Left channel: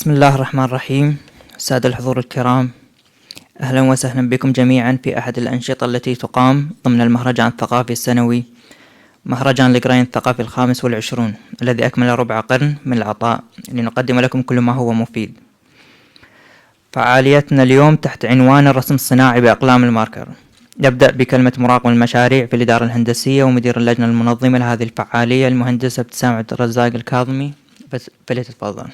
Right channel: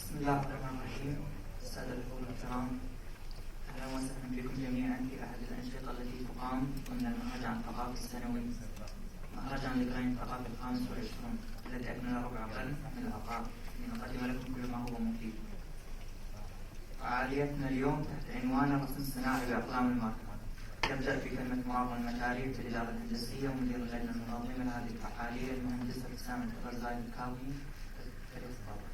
بسم الله الرحمن الرحيم. السادة الحضور الكرام، أهلا وسهلا بكم جميعا في أحد الأنشطة التي تقام ضمن المهرجان الثقافي السنوي، مهرجان القرين الثقافي ال25 الذي أكمل ربع قرن من العطاء لنقدم لكم كل ما هو مفيد. فعاليتنا اليوم تحت عنوان الرسم الصناعي بأقلام الماركر. نبدأ بكلمة مراقب المشاريع في الإدارة الهندسية ومدير اللجنة المنظمة لهذه الفعالية المهندسة ابتسام عبد الرزاق الكاظمي، فليتفضل.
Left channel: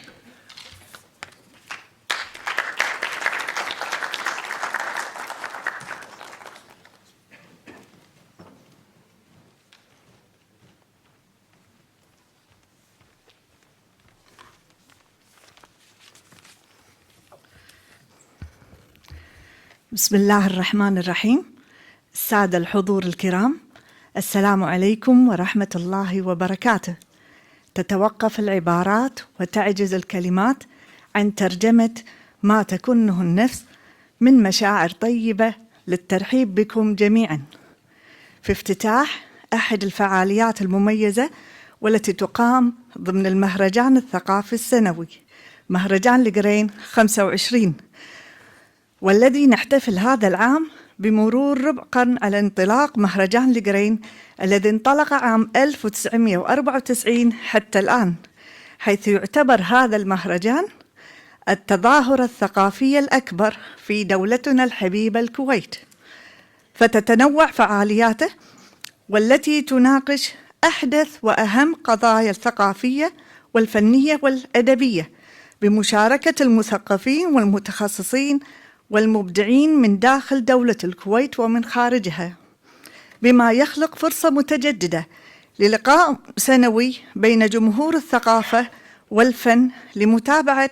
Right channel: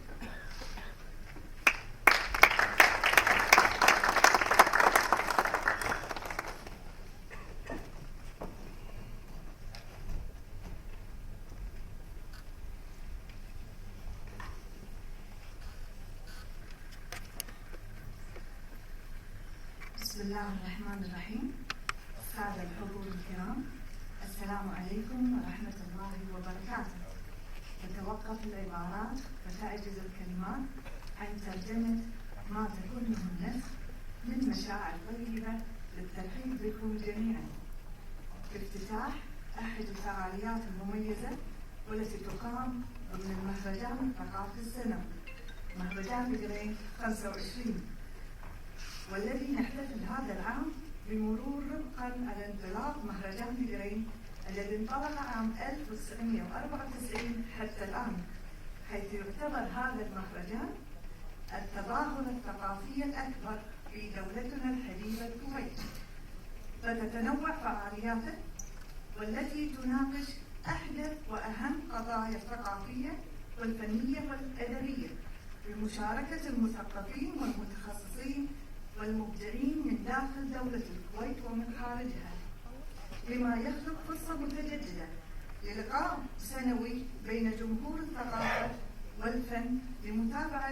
بسم الله الرحمن الرحيم. السادة الحضور الكرام، السلام عليكم ورحمة الله وبركاته. تتوقف العبارات وتعجز الكلمات عن ترجمة ما تكنه النفس من مشاعر طيبة للترحيب بكم جميعا في افتتاح أحد الفعاليات المميزة والتي تقام ضمن المهرجان الثقافي السنوي، مهرجان القرين 25، والذي نحتفل هذا العام بمرور ربع قرن على انطلاق مهرجان القرين الذي انطلق عام 1994 حتى الآن، حيث يعتبر هذا المهرجان التظاهرة الثقافية الأكبر في دولتنا الحبيبة الكويت. فتتنوع فعالياته والتي تناقش أحدث وأهم قضايا الثقافية والفنية والأدبية بمشاركة المثقفين والمتخصصين والمبدعين من داخل دولة الكويت ومن خارجها، بما يخلق فرصة متجددة للقاء سنوي بين جمهور الثقافة والفن لمتابعة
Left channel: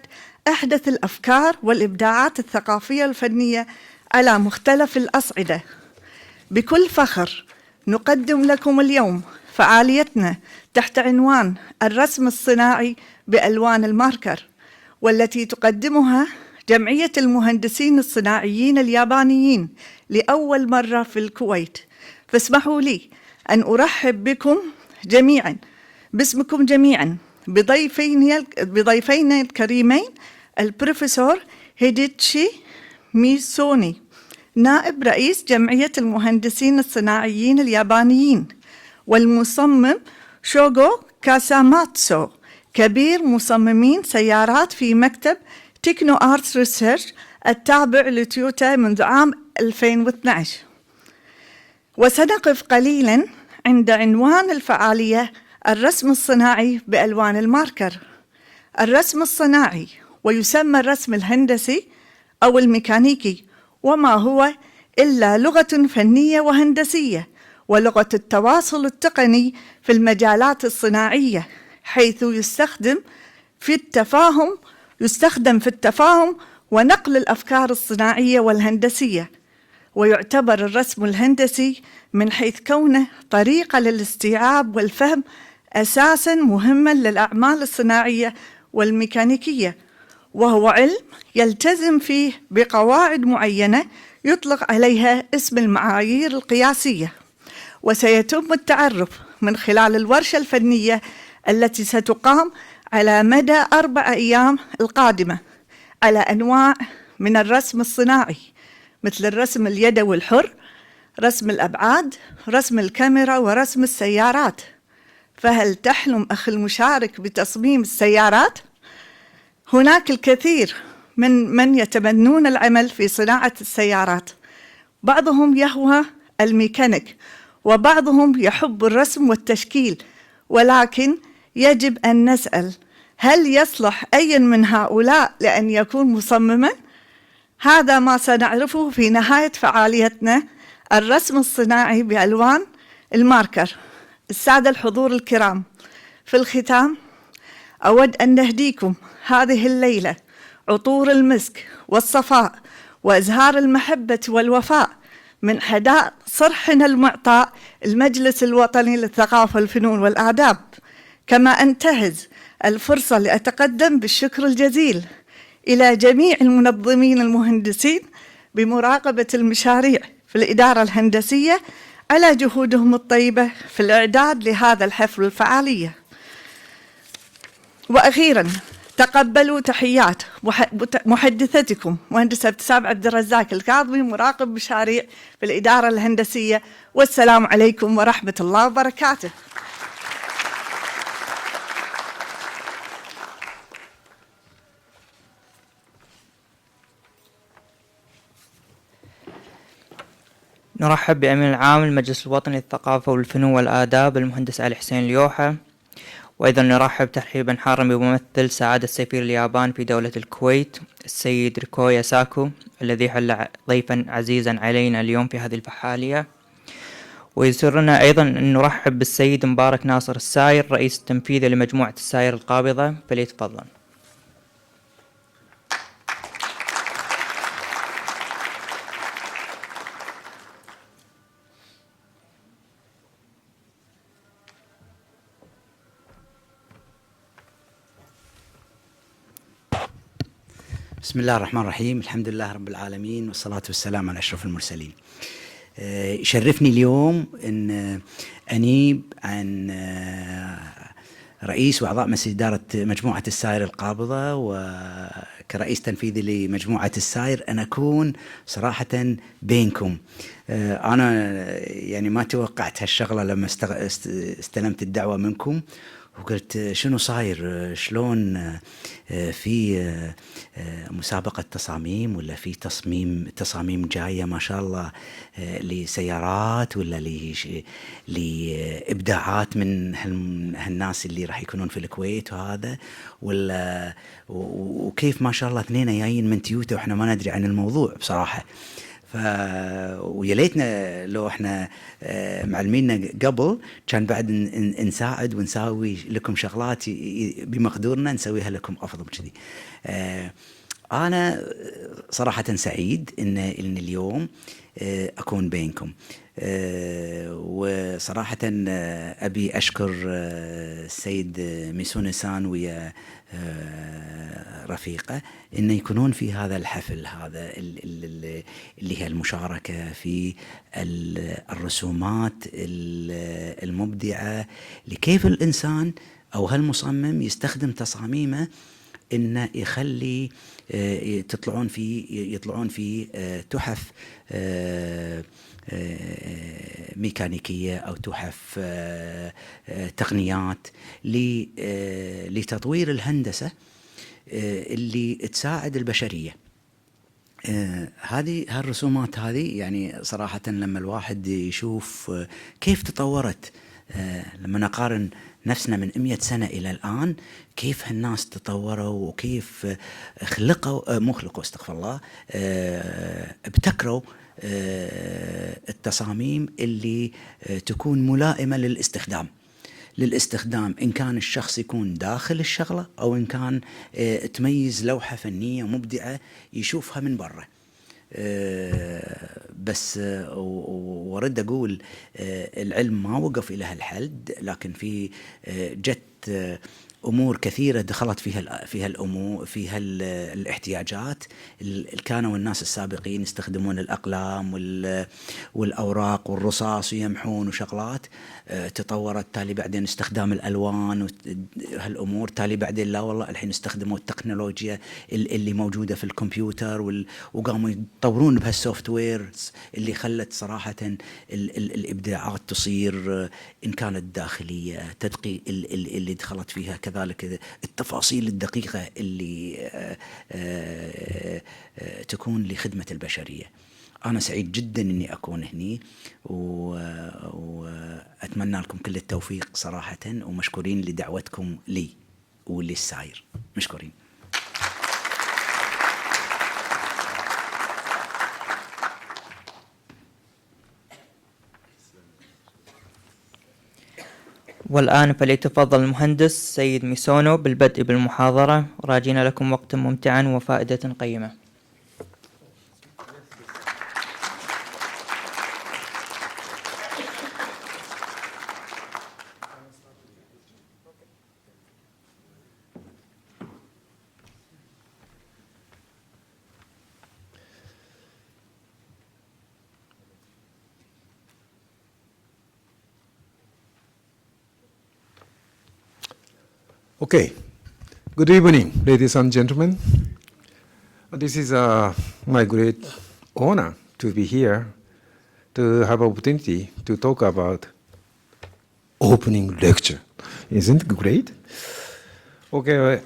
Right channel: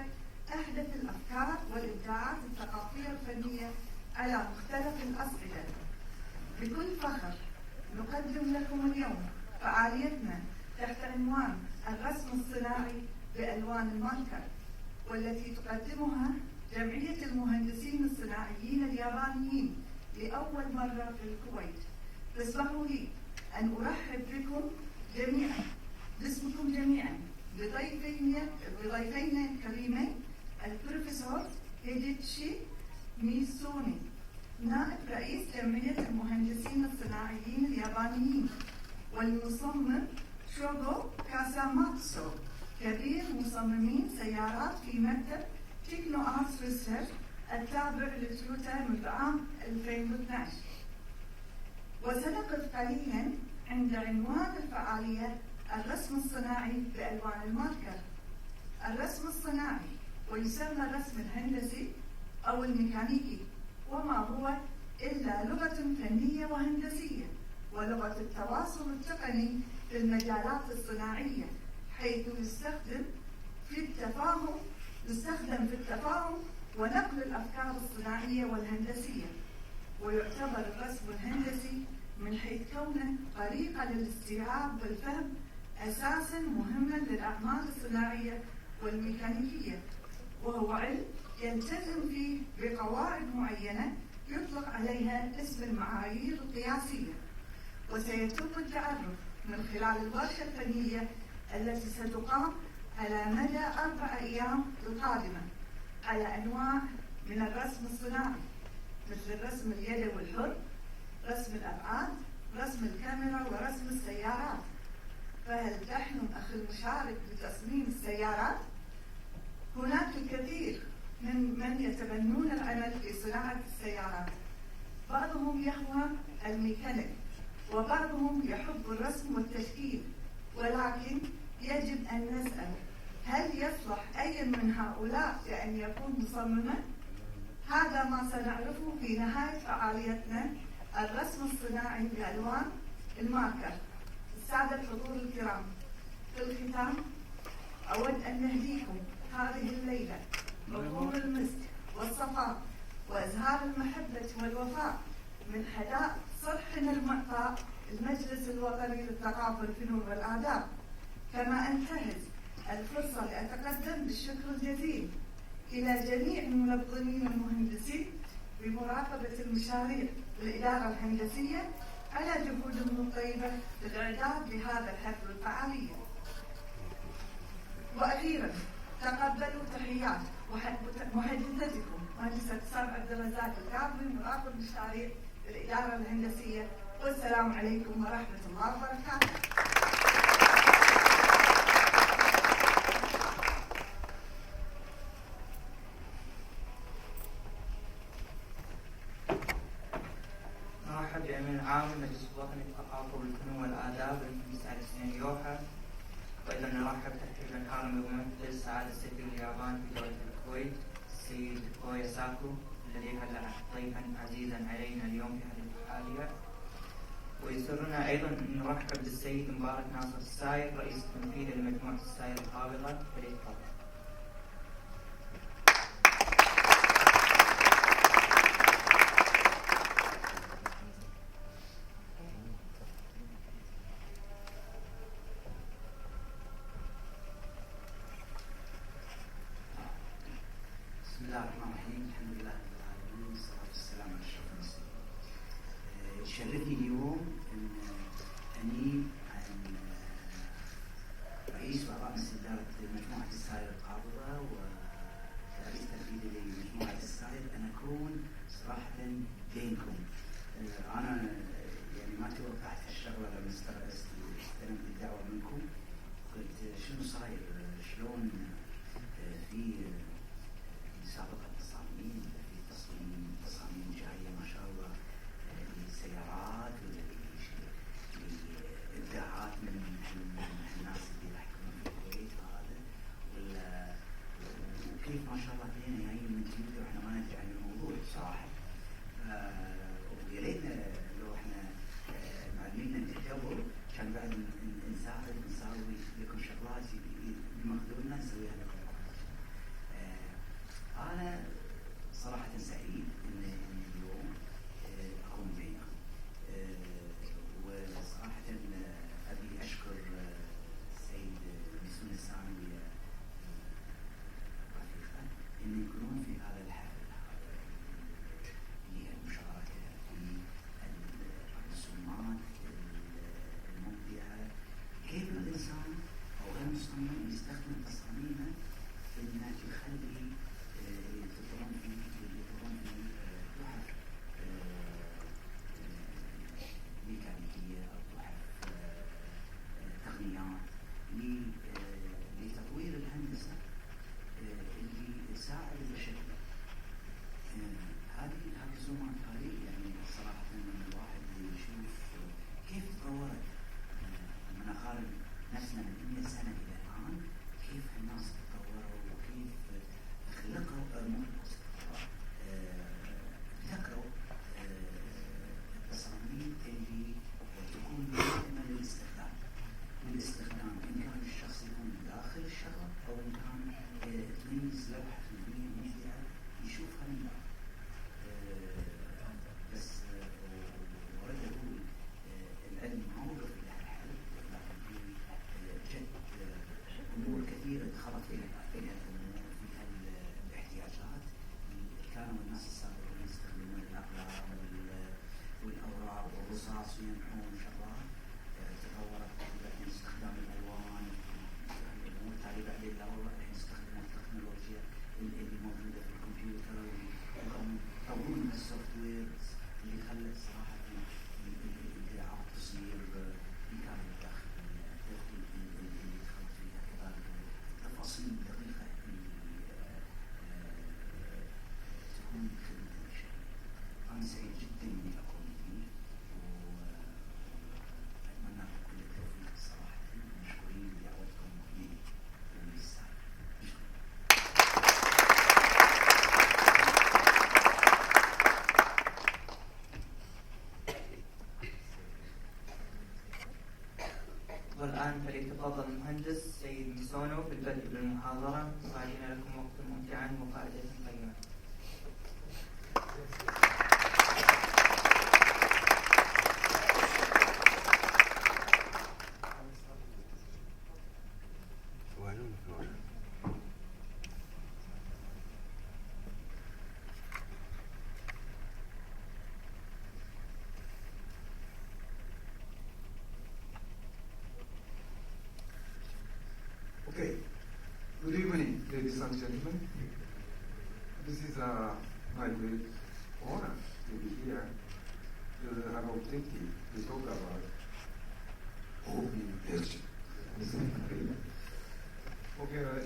أحدث الأفكار والإبداعات الثقافية والفنية على مختلف الأصعدة. بكل فخر نقدم لكم اليوم فعاليتنا تحت عنوان الرسم الصناعي بألوان الماركر، والتي تقدمها جمعية المهندسين الصناعيين اليابانيين لأول مرة في الكويت. فاسمحوا لي أن أرحب بكم جميعا باسمكم جميعا بضيفين الكريمين البروفيسور هيديتشي ميسوني، نائب رئيس جمعية المهندسين الصناعيين اليابانيين، والمصمم شوغو كاساماتسو، كبير مصممين سيارات في مكتب تكنو آرتس ريسيرش التابع لتويوتا منذ عام 2012. وسنقف قليلا عند عنوان الفعالية الرسم الصناعي بألوان الماركر. الرسم الصناعي، ويسمى الرسم الهندسي أو الميكانيكي، وما هو إلا لغة فنية وهندسية ولغة التواصل التقني في المجالات الصناعية، حيث يستخدم في التفاهم ونقل الأفكار الصناعية والهندسية. ويعتبر الرسم الهندسي من حيث كونه طريقة للاستيعاب والفهم أساساً مهماً للأعمال الصناعية والميكانيكية، وهو علم يلتزم فيه بقواعد معينة يطلق عليها اسم المعايير القياسية. وسيتم التعرف من خلال الورشة الفنية التي ستقام على مدى 4 أيام القادمة على أنواع من الرسم الصناعي، مثل الرسم اليدوي الحر، رسم الأبعاد، رسم الكاميرا، ورسم السيارات. فهل تحلم أخي المشارك بتصميم السيارات؟ هناك الكثير من يتمنون العمل في صناعة السيارات، بعضهم يهوى الميكانيك وبعضهم يحب الرسم والتشكيل، ولكن يجب أن نسأل: هل يصلح أي من هؤلاء لأن يكون مصمماً؟ هذا ما سنعرفه في نهاية فعاليتنا الرسم الصناعي بألوان الماركر. السادة الحضور الكرام، في الختام أود أن نهديكم هذه الليلة عطور المسك والصفاء وإزهار المحبة والوفاء من حدائق صرحنا المعطاء المجلس الوطني للثقافة والفنون والآداب. كما أنتهز الفرصة لأتقدم بالشكر الجزيل إلى جميع المنظمين المهندسين بمراقبة المشاريع في الإدارة الهندسية على جهودهم الطيبة في الإعداد لهذا الحفل الفعالية. وأخيراً تقبلوا تحيات محدثتكم مهندسة ابتسام عبد الرزاق الكاظمي، مراقب مشاريع في الإدارة الهندسية. والسلام عليكم ورحمة الله وبركاته. نرحب بأمين العام المجلس الوطني للثقافة والفنون والآداب المهندس علي حسين اليوحة، وأيضا نرحب ترحيبا حارا بممثل سعادة سفير اليابان في دولة الكويت السيد ريكويا ساكو، الذي حل ضيفا عزيزا علينا اليوم في هذه الفعالية. ويسرنا أيضا أن نرحب بالسيد مبارك ناصر الساير رئيس التنفيذي لمجموعة الساير القابضة، فليتفضل. بسم الله الرحمن الرحيم، الحمد لله رب العالمين، والصلاة والسلام على أشرف المرسلين. يشرفني اليوم أن أنيب عن رئيس وأعضاء مجلس إدارة مجموعة الساير القابضة، وكرئيس تنفيذي لمجموعة الساير أن أكون صراحة بينكم. أنا يعني ما توقعت هالشغلة لما استلمت الدعوة منكم، وقلت شنو صاير، شلون في مسابقة تصاميم ولا في تصاميم جاية ما شاء الله لسيارات ولا لإبداعات من هالناس اللي راح يكونون في الكويت وهذا، ولا وكيف ما شاء الله اثنين جايين من تيوتا واحنا ما ندري عن الموضوع بصراحة. ويا ليتنا لو احنا معلمينا قبل كان بعد نساعد ونسوي لكم شغلات بمقدورنا نسويها لكم افضل كذي. انا صراحة سعيد ان اليوم اكون بينكم، وصراحة ابي اشكر السيد ميسونسان ويا رفيقه إنه يكونون في هذا الحفل هذا اللي هي المشاركة في الرسومات المبدعة لكيف الإنسان أو هالمصمم يستخدم تصاميمه إنه يخلي يطلعون في تحف ميكانيكية أو تحف تقنيات لتطوير الهندسة اللي تساعد البشرية. هذه هالرسومات هذه يعني صراحة لما الواحد يشوف كيف تطورت، لما نقارن نفسنا من 100 سنة إلى الآن، كيف هالناس تطوروا وكيف استغفر الله، ابتكروا التصاميم اللي تكون ملائمة للاستخدام إن كان الشخص يكون داخل الشغلة أو إن كان تميز لوحة فنية مبدعة يشوفها من برا. بس ورد أقول العلم ما وقف إلى هالحد، لكن في جت أمور كثيرة دخلت فيها الأمور فيها الاحتياجات. كانوا الناس السابقين يستخدمون الأقلام والأوراق والرصاص ويمحون وشغلات، تطورت تالي بعدين استخدام الألوان وهالأمور، تالي بعدين لا والله الحين استخدموا التكنولوجيا اللي موجودة في الكمبيوتر وقاموا يطورون بهالسوفت وير اللي خلت صراحة الإبداعات تصير إن كانت داخلية، تدقيق اللي دخلت فيها، كذلك التفاصيل الدقيقة اللي تكون لخدمة البشرية. أنا سعيد جدا إني أكون هني، وأتمنى لكم كل التوفيق صراحة، ومشكورين لدعوتكم لي وللساير، مشكورين. والآن فليتفضل المهندس سيد ميسونو بالبدء بالمحاضرة، راجين لكم وقتا ممتعا وفائدة قيمة. Okay, Good evening, ladies and gentlemen. This is my great honor to be here to have opportunity to talk about opening lecture. Isn't it great? Okay,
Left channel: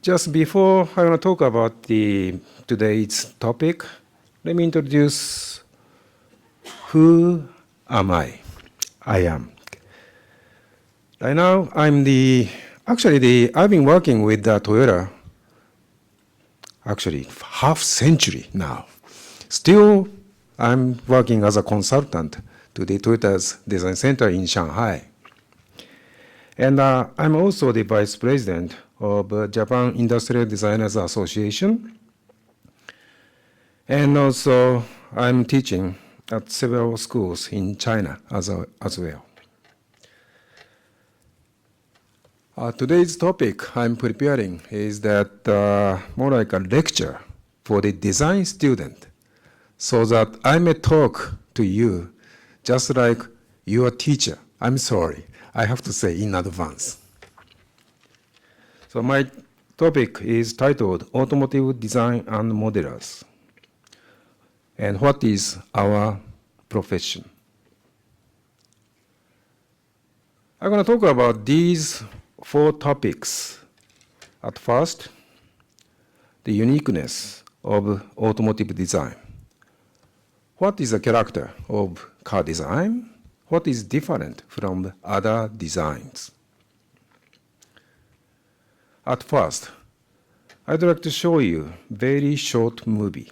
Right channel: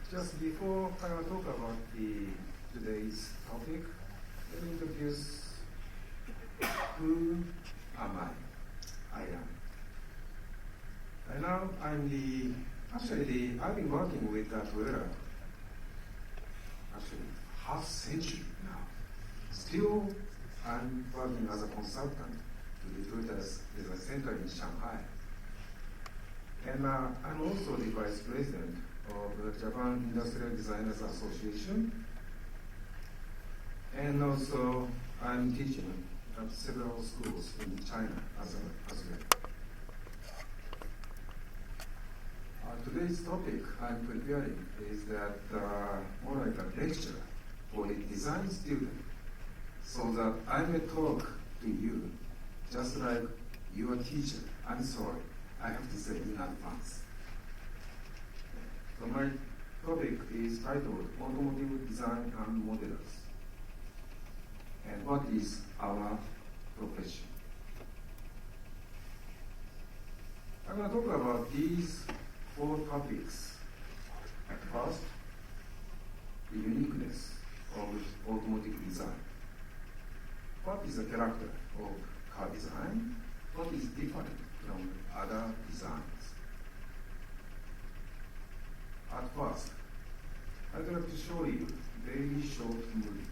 just before I want to talk about today's topic, let me introduce who am I? I am. Right now, I've been working with Toyota actually half century now. Still, I'm working as a consultant to the Toyota's design center in Shanghai. And I'm also the vice president of Japan Industrial Designers Association. And also, I'm teaching at several schools in China as well. Today's topic I'm preparing is that more like a lecture for the design student, so that I may talk to you just like your teacher. I'm sorry, I have to say in advance. So my topic is titled Automotive Design and Modelers, and what is our profession. I'm going to talk about these 4 topics. At first, the uniqueness of automotive design. What is the character of car design? What is different from other designs? At first, I'd like to show you a very short movie.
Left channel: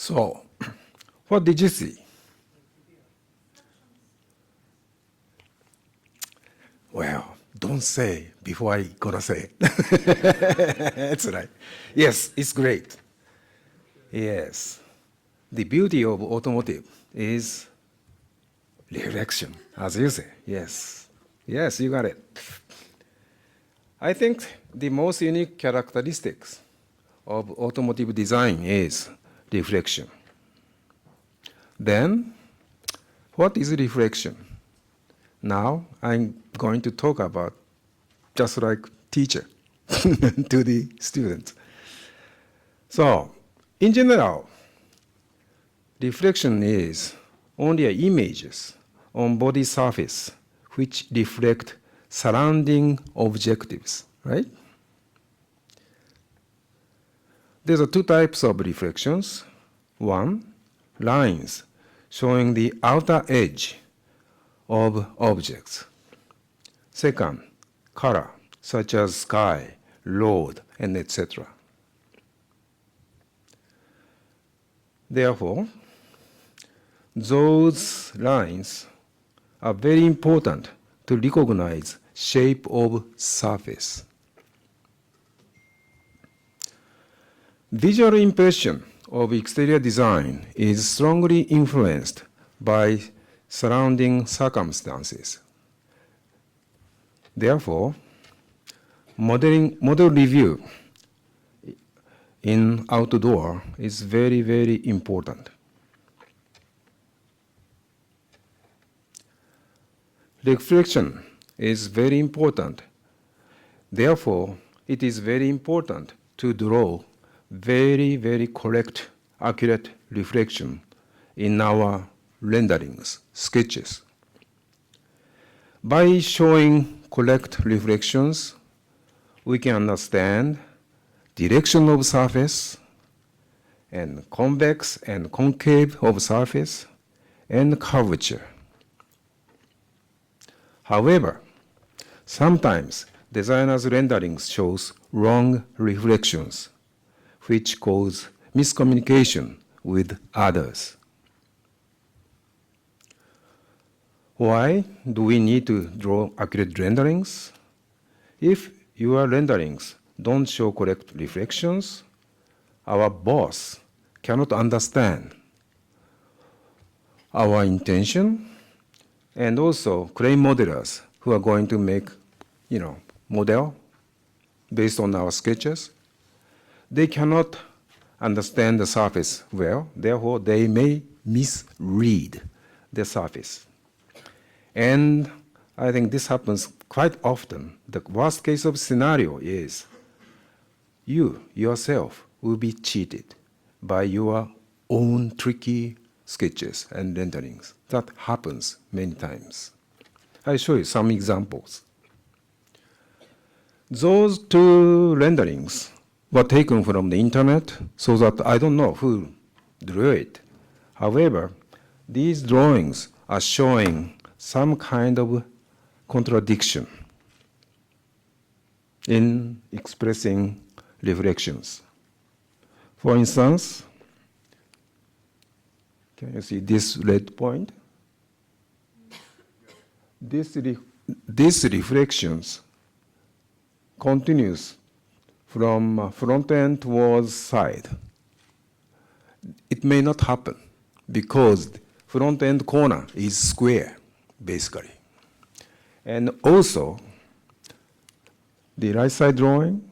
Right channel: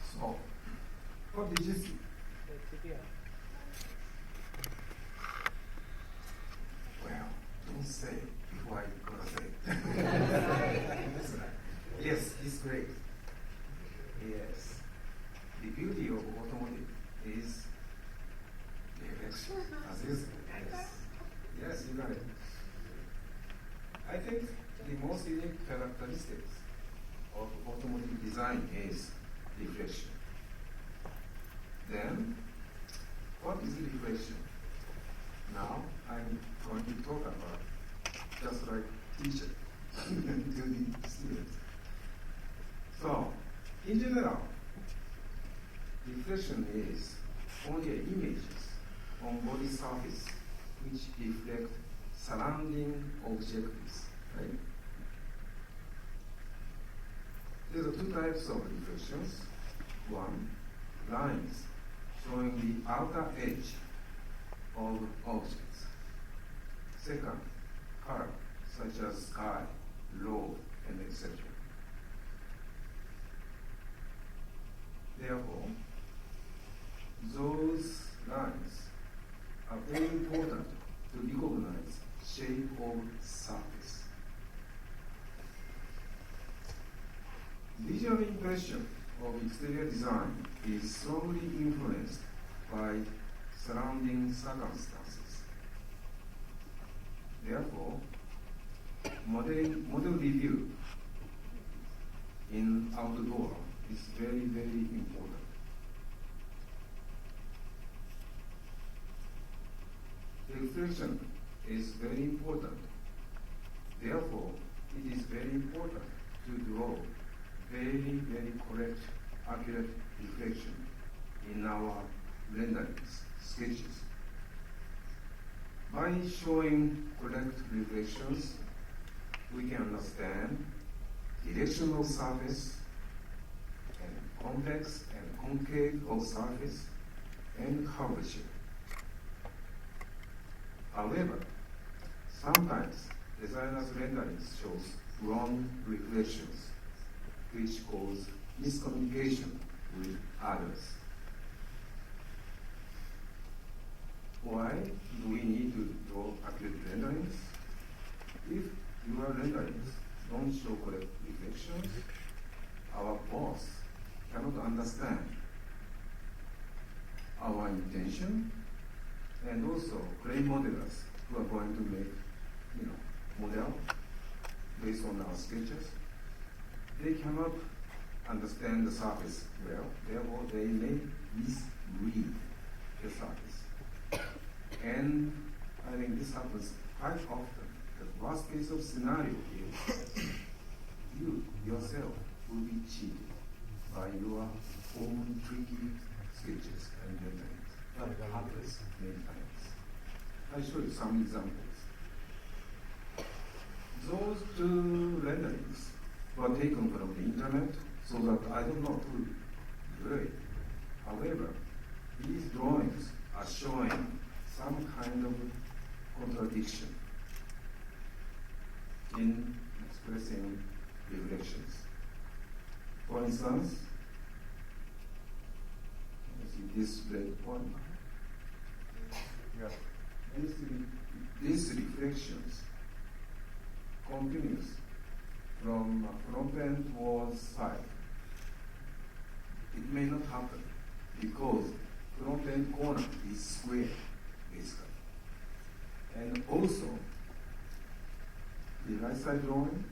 So, what did you see? Well, don't say before I gonna say it. That's right. Yes, it's great. Yes. The beauty of automotive is reflection, as you say. Yes. Yes, you got it. I think the most unique characteristics of automotive design is reflection. Then, what is reflection? Now, I'm going to talk about just like teacher to the students. So, in general, reflection is only images on body surface which reflect surrounding objectives, right? There are 2 types of reflections. One, lines showing the outer edge of objects. Second, color, such as sky, road, and etc. Therefore, those lines are very important to recognize shape of surface. Visual impression of exterior design is strongly influenced by surrounding circumstances. Therefore, model review in outdoor is very, very important. Reflection is very important. Therefore, it is very important to draw very, very correct accurate reflection in our renderings, sketches. By showing correct reflections, we can understand direction of surface and convex and concave of surface and curvature. However, sometimes designers' renderings shows wrong reflections, which cause miscommunication with others. Why do we need to draw accurate renderings? If your renderings don't show correct reflections, our boss cannot understand our intention, and also crane modelers who are going to make, model based on our sketches, they cannot understand the surface well, therefore they may misread the surface. And I think this happens quite often. The worst case of scenario is you yourself will be cheated by your own tricky sketches and renderings. That happens many times. I'll show you some examples. Those two renderings were taken from the internet, so that I don't know who drew it. However, these drawings are showing some kind of contradiction in expressing reflections. For instance, can you see this red point? These reflections continues from front end towards side. It may not happen because front end corner is square, basically. And also, the right side drawing,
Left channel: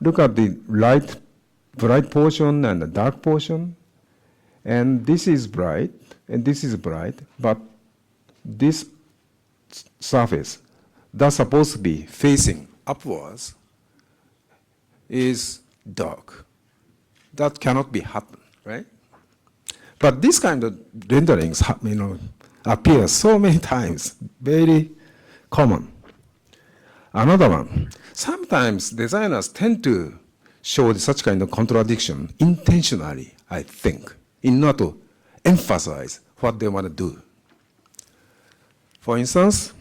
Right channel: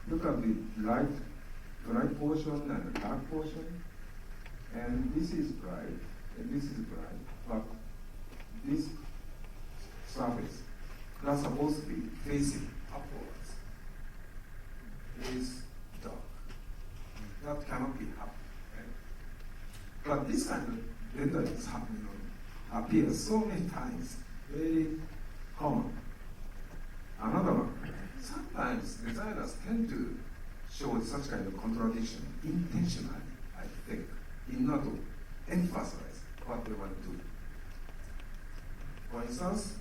look at the bright portion and the dark portion. And this is bright, and this is bright, but this surface that's supposed to be facing upwards is dark. That cannot be happen, right? But this kind of renderings, appear so many times, very common. Another one, sometimes designers tend to show such kind of contradiction intentionally, I think, in order to emphasize what they want to do. For instance,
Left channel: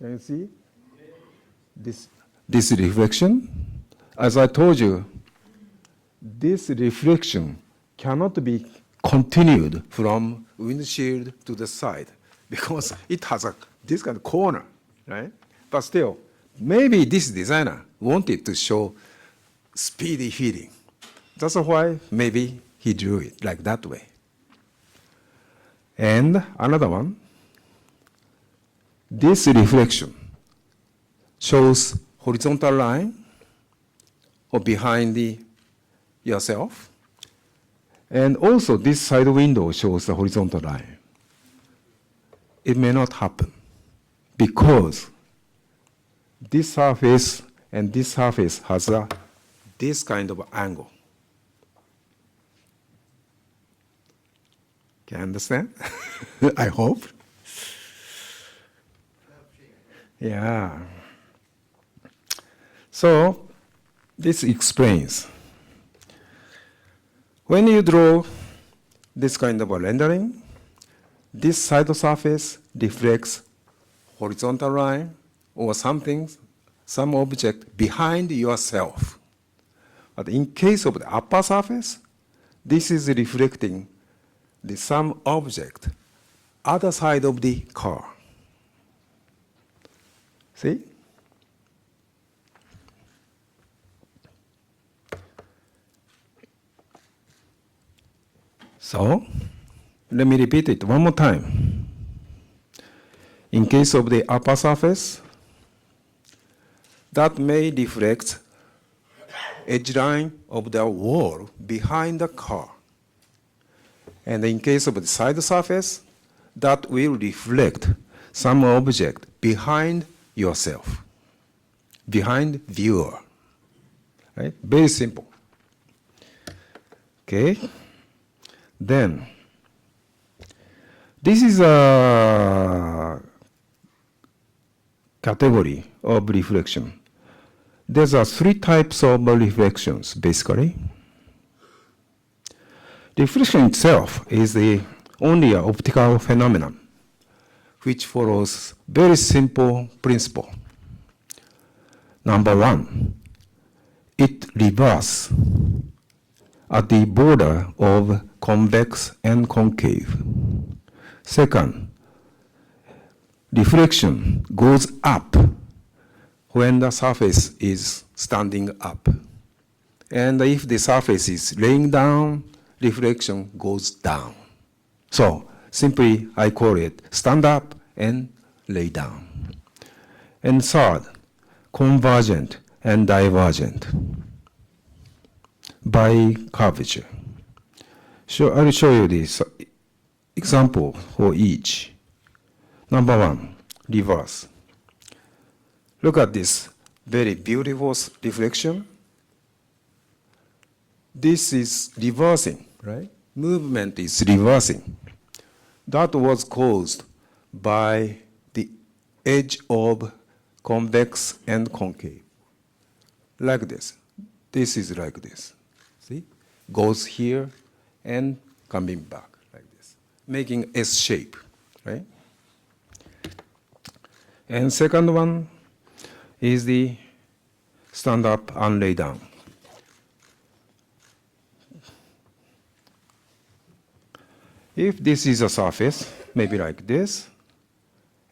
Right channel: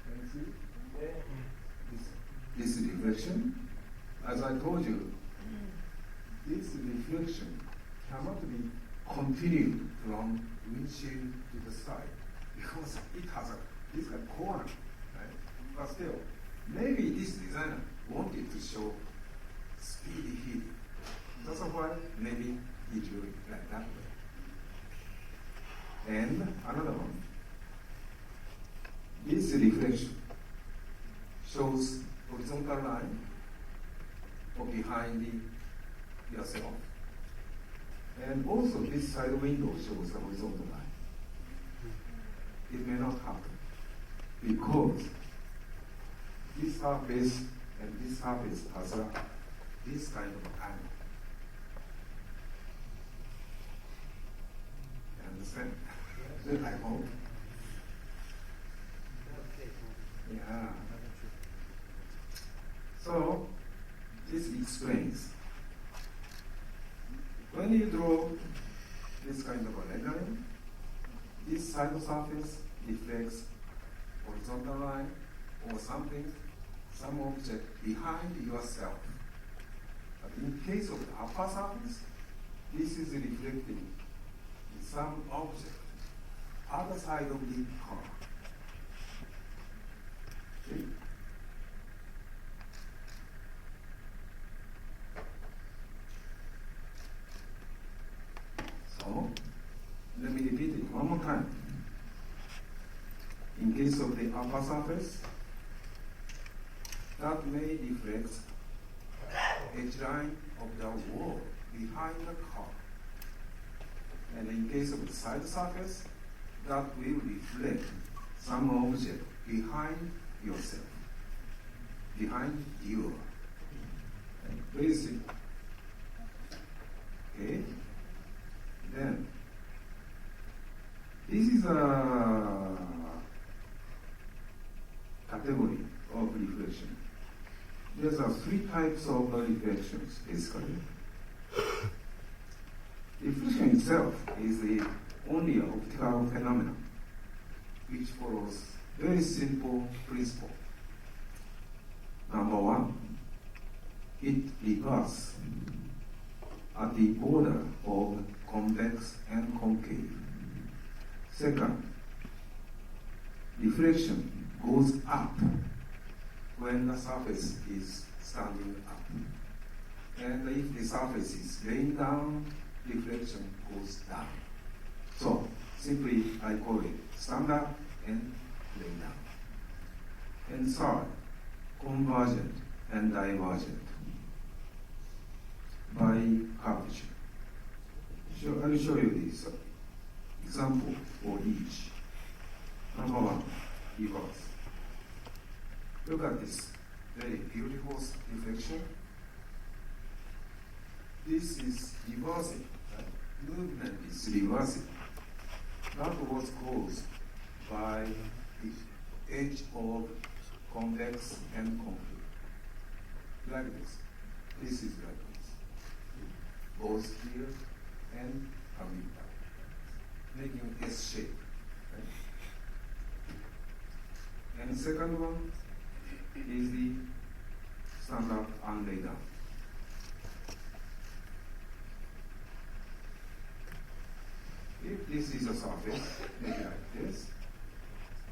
can you see this reflection? As I told you, this reflection cannot be continued from windshield to the side because it has this kind of corner, right? But still, maybe this designer wanted to show speedy feeding. That's why maybe he drew it like that way. And another one, this reflection shows horizontal line or behind yourself. And also this side window shows the horizontal line. It may not happen because this surface and this surface has this kind of angle. Can you understand? I hope. Yeah. So this explains. When you draw this kind of a rendering, this side surface reflects horizontal line or something, some object behind yourself. But in case of the upper surface, this is reflecting some object other side of the car. See? So, let me repeat it one more time. In case of the upper surface, that may reflect edge line of the wall behind the car. And in case of the side surface, that will reflect some object behind yourself, behind viewer, right? Very simple. Okay. Then, this is a category of reflection. There's three types of reflections, basically. Reflection itself is only an optical phenomenon, which follows very simple principle. Number one, it reverses at the border of convex and concave. Second, reflection goes up when the surface is standing up. And if the surface is laying down, reflection goes down. So simply I call it stand up and lay down. And third, convergent and divergent by curvature. So I will show you this example for each. Number one, reverse. Look at this very beautiful reflection. This is reversing, right? Movement is reversing. That was caused by the edge of convex and concave. Like this. This is like this. See? Goes here and coming back like this, making S shape, right? And second one is the stand up and lay down. If this is a surface, maybe like this,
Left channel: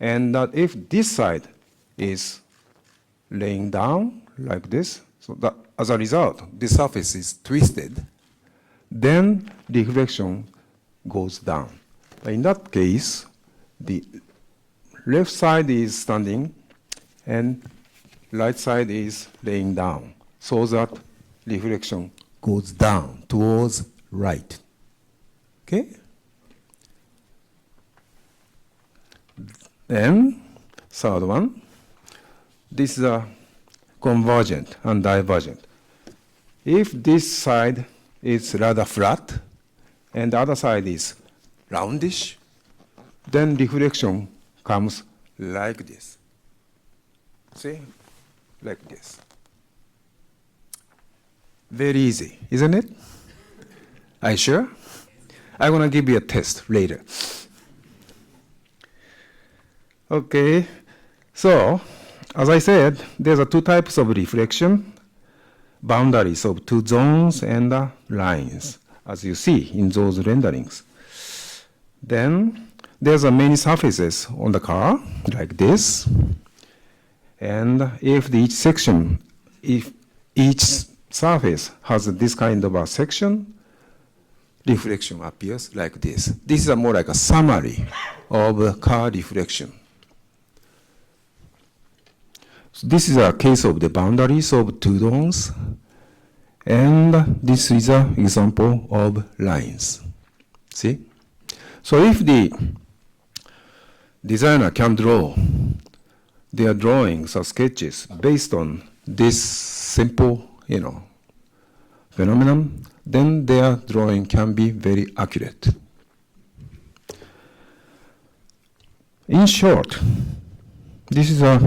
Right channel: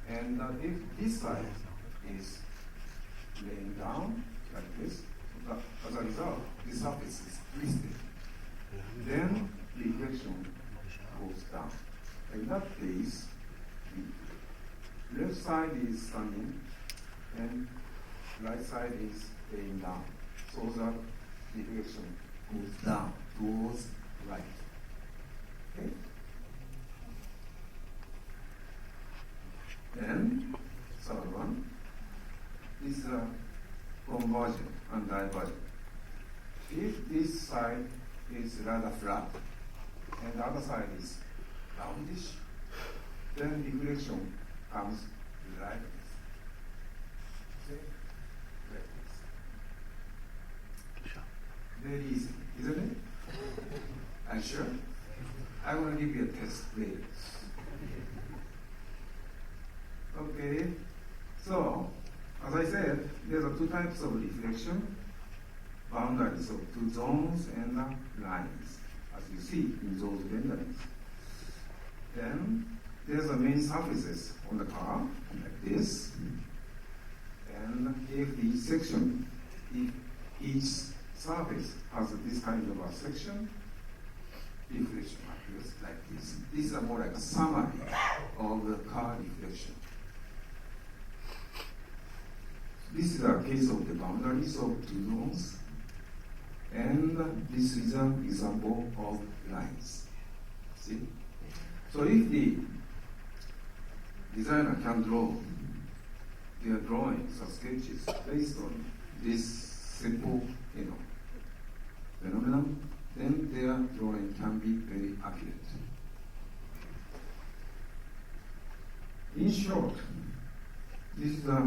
and that if this side is laying down like this, so that as a result, the surface is twisted, then the reflection goes down. In that case, the left side is standing and right side is laying down, so that reflection goes down towards right. Okay? Then, third one, this is a convergent and divergent. If this side is rather flat and the other side is roundish, then reflection comes like this. See? Like this. Very easy, isn't it? Are you sure? I'm going to give you a test later. Okay, so as I said, there's two types of reflection, boundaries of two zones and lines, as you see in those renderings. Then there's many surfaces on the car, like this. And if each surface has this kind of a section, reflection appears like this. This is more like a summary of car reflection. So this is a case of the boundaries of two zones, and this is an example of lines. See? So if the designer can draw their drawings or sketches based on this simple, phenomenon, then their drawing can be very accurate. In short, this is a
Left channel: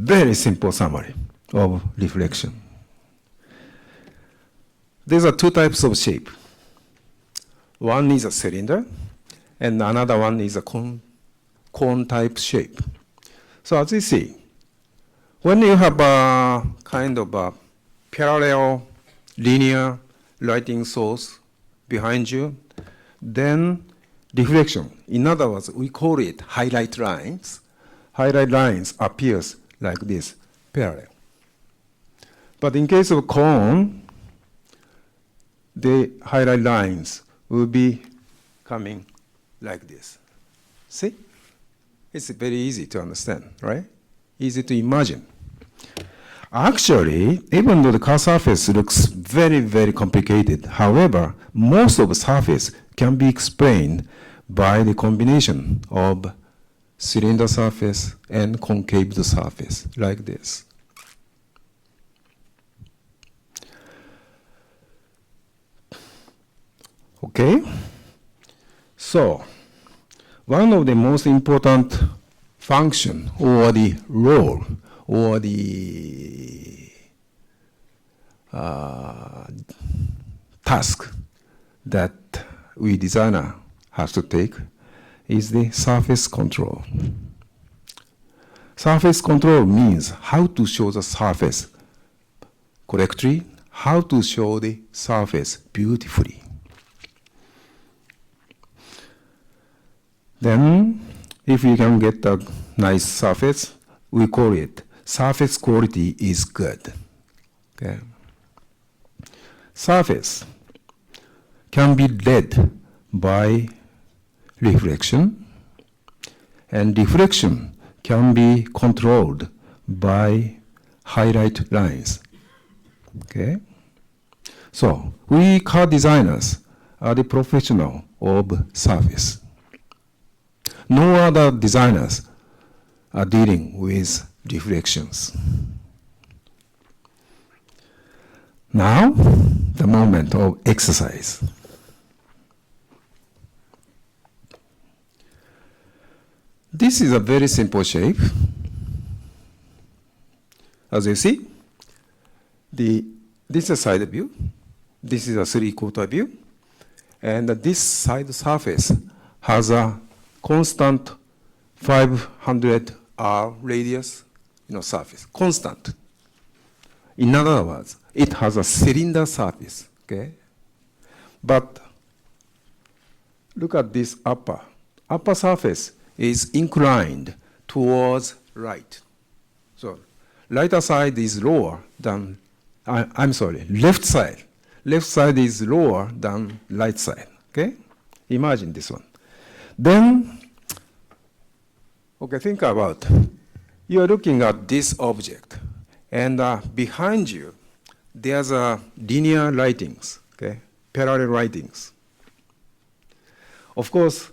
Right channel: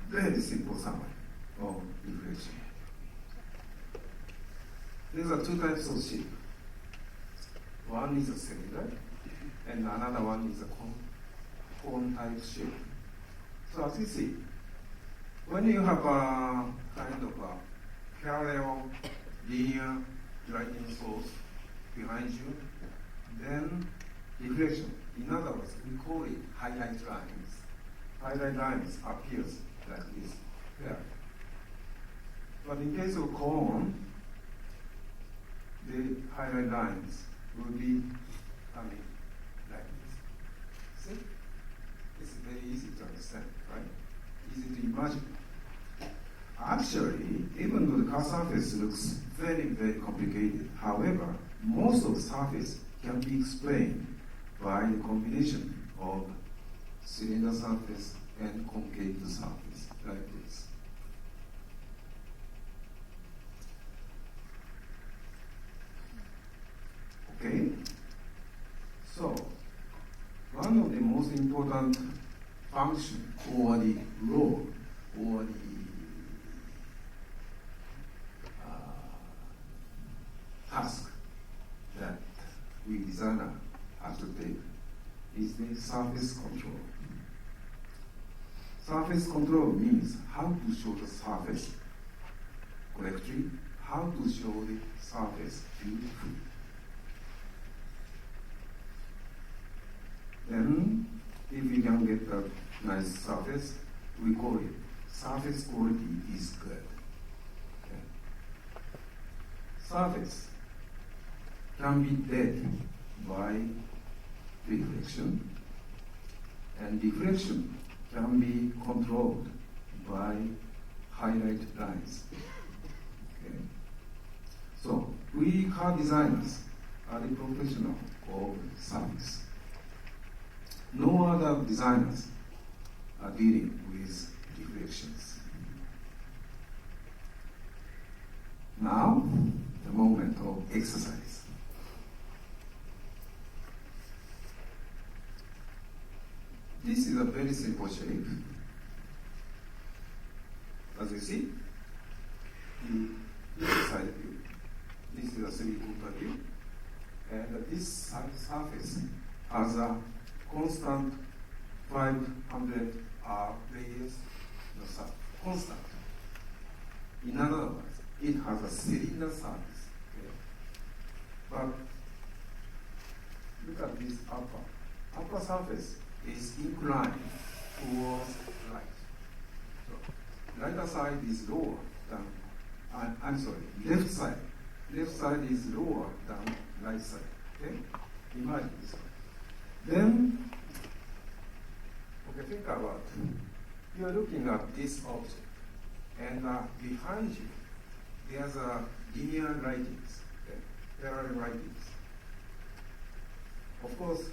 very simple summary of reflection. There are two types of shape. One is a cylinder, and another one is a cone type shape. So as you see, when you have a kind of a parallel linear lighting source behind you, then reflection, in other words, we call it highlight lines. Highlight lines appears like this, parallel. But in case of cone, the highlight lines will be coming like this. See? It's very easy to understand, right? Easy to imagine. Actually, even though the car surface looks very, very complicated, however, most of the surface can be explained by the combination of cylinder surface and concave surface, like this. Okay? So, one of the most important function or the role or the task that we designer has to take is the surface control. Surface control means how to show the surface correctly, how to show the surface beautifully. Then, if we can get a nice surface, we call it surface quality is good. Okay. Surface can be led by reflection, and reflection can be controlled by highlight lines. Okay? So, we car designers are the professional of surface. No other designers are dealing with reflections. Now, the moment of exercise. This is a very simple shape. As you see, this is a side view, this is a three-quarter view, and this side surface has a constant 500 R radius surface, constant. In other words, it has a cylinder surface, okay? But look at this upper surface is inclined towards right. So right side is lower than, I'm sorry, left side. Left side is lower than right side, okay? Imagine this one. Then, okay, think about, you're looking at this object, and behind you, there's a linear writings, okay, parallel writings. Of course,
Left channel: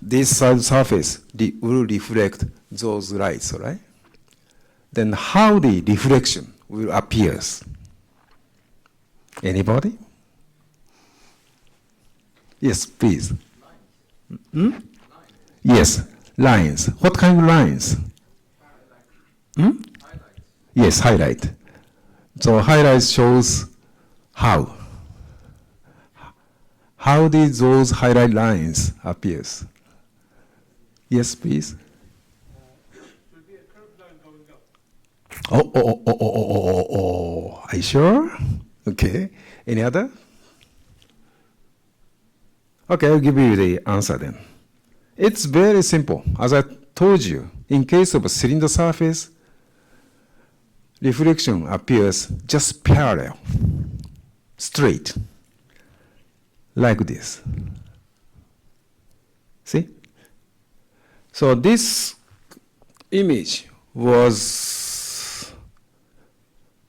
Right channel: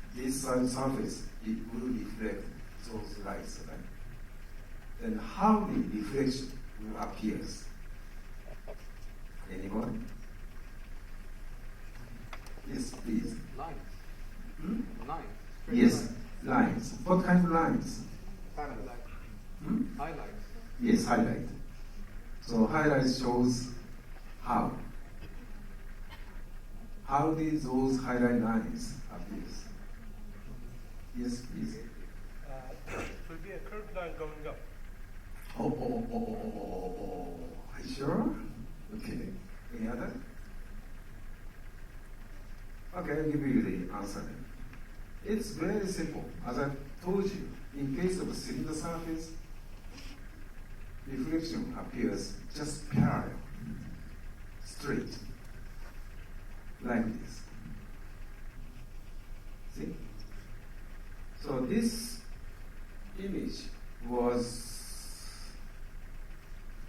this side surface will reflect those lights, right? Then how the reflection will appear? Anybody? Yes, please. Hmm? Yes, lines. What kind of lines? Hmm? Yes, highlight. So highlight shows how. How did those highlight lines appears? Yes, please. It will be a curved line going up. Oh. Are you sure? Okay. Any other? Okay, I'll give you the answer then. It's very simple. As I told you, in case of a cylinder surface, reflection appears just parallel, straight, like this. See? So this image was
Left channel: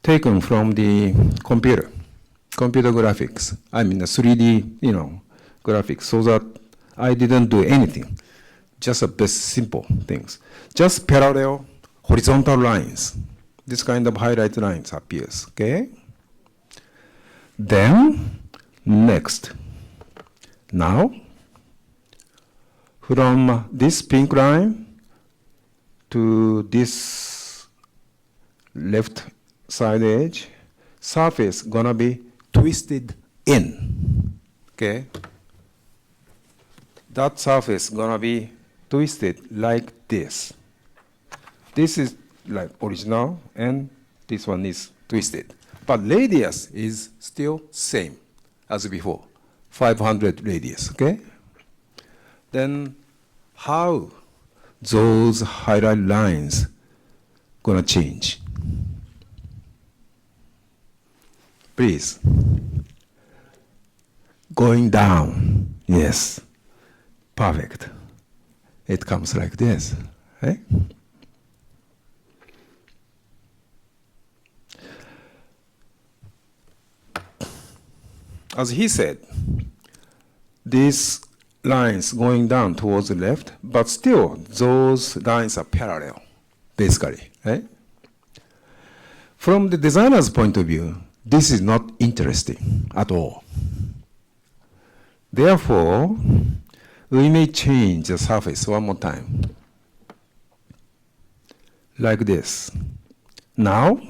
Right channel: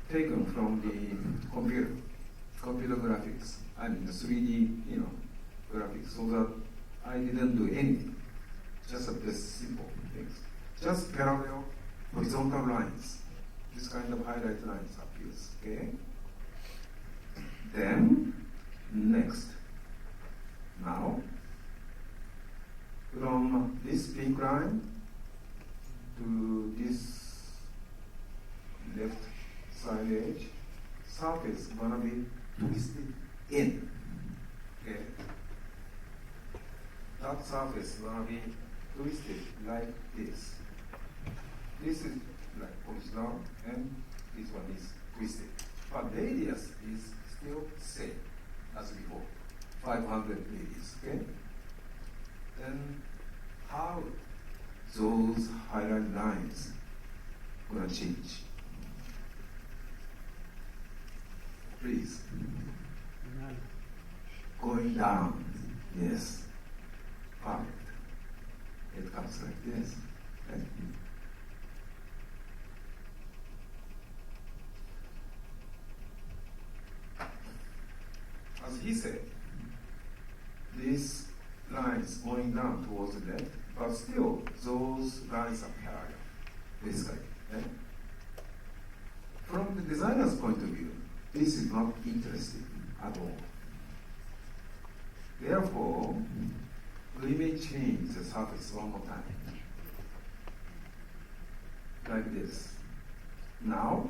taken from the computer graphics. I mean the 3D, graphics, so that I didn't do anything, just a best simple things. Just parallel horizontal lines. This kind of highlight lines appears, okay? Then, next. Now, from this pink line to this left side edge, surface gonna be twisted in, okay? That surface gonna be twisted like this. This is like original, and this one is twisted. But radius is still same as before, 500 radius, okay? Then how those highlight lines gonna change? Please. Going down, yes, perfect. It comes like this, right? As he said, these lines going down towards the left, but still those lines are parallel, basically, right? From the designer's point of view, this is not interesting at all. Therefore, we may change the surface one more time. Like this. Now,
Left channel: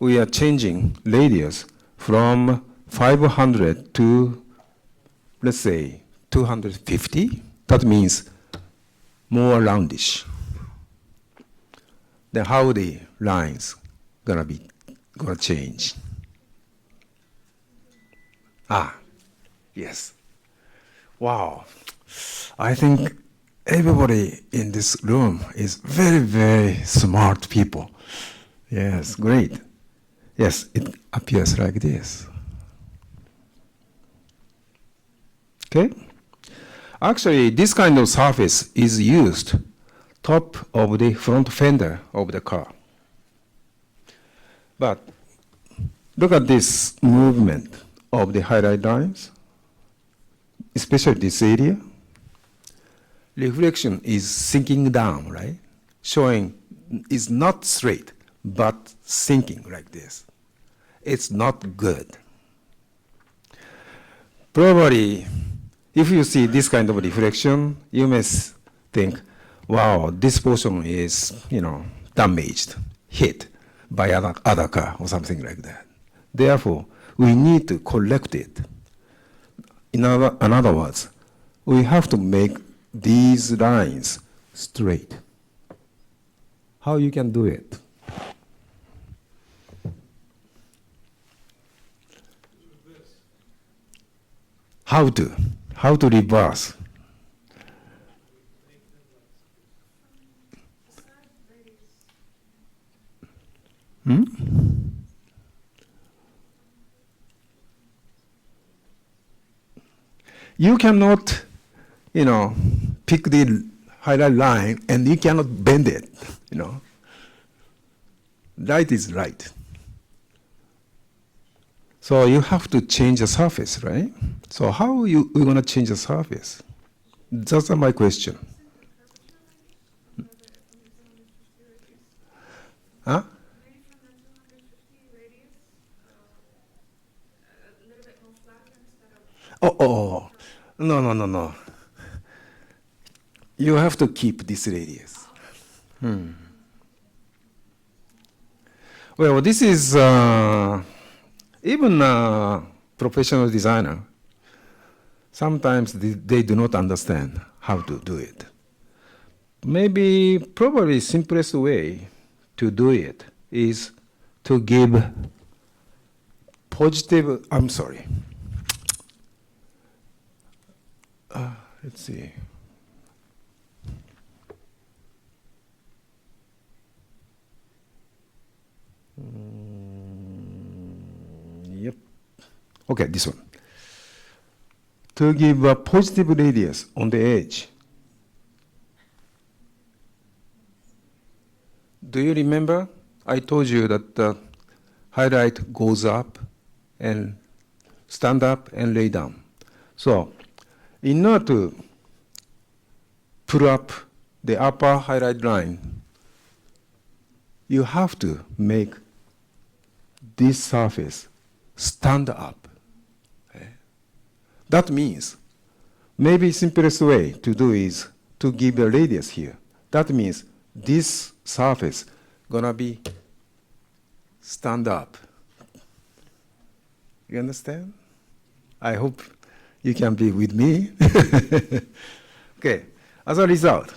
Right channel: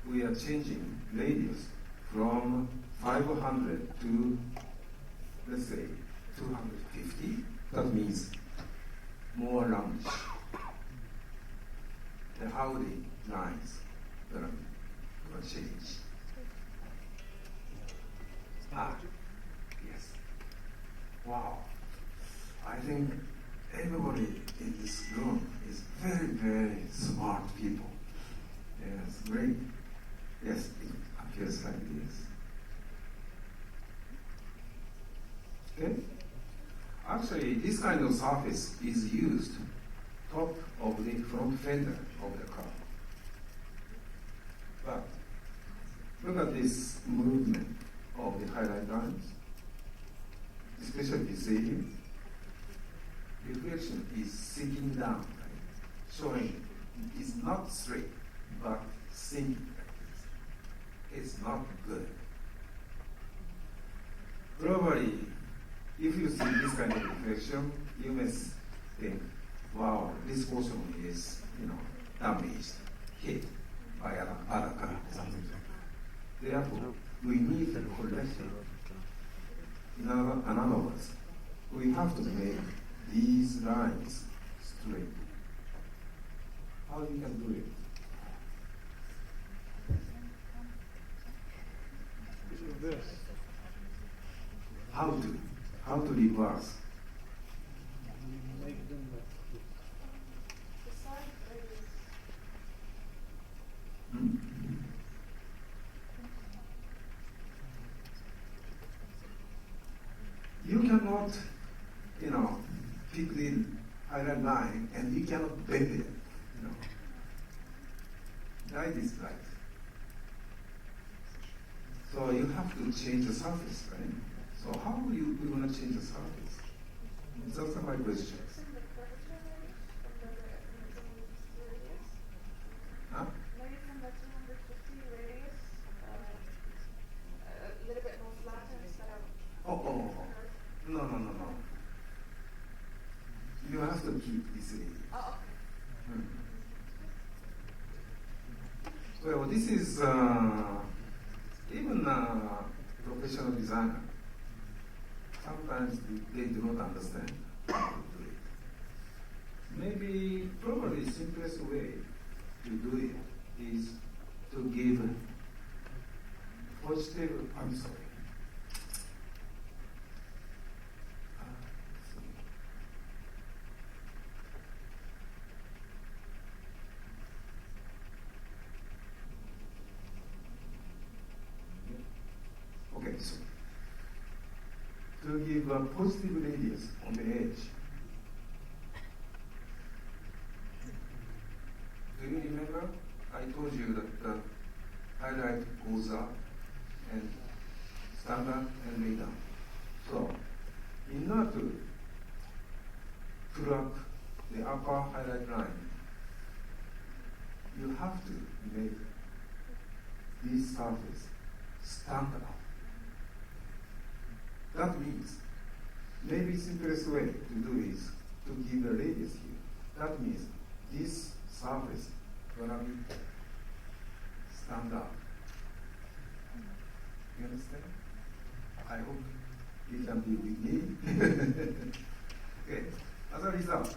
we are changing radius from 500 to, let's say, 250. That means more roundish. Then how the lines gonna change? Yes. Wow. I think everybody in this room is very, very smart people. Yes, great. Yes, it appears like this. Okay? Actually, this kind of surface is used top of the front fender of the car. But look at this movement of the highlight lines, especially this area. Reflection is sinking down, right? Showing it's not straight, but sinking like this. It's not good. Probably, if you see this kind of reflection, you may think, wow, this portion is, damaged, hit by other car or something like that. Therefore, we need to correct it. In other words, we have to make these lines straight. How you can do it? How to reverse? You cannot, pick the highlight line and you cannot bend it, Right is right. So you have to change the surface, right? So how we're going to change the surface? That's my question. Huh? Oh, no. You have to keep this radius. Well, this is even a professional designer. Sometimes they do not understand how to do it. Probably simplest way to do it is to give positive, let's see. Yep. Okay, this one. To give a positive radius on the edge. Do you remember? I told you that the highlight goes up and stand up and lay down. So, in order to put up the upper highlight line, you have to make this surface stand up. That means, maybe simplest way to do is to give a radius here. That means this surface gonna be stand up. You understand? I hope you can be with me. Okay, as a result,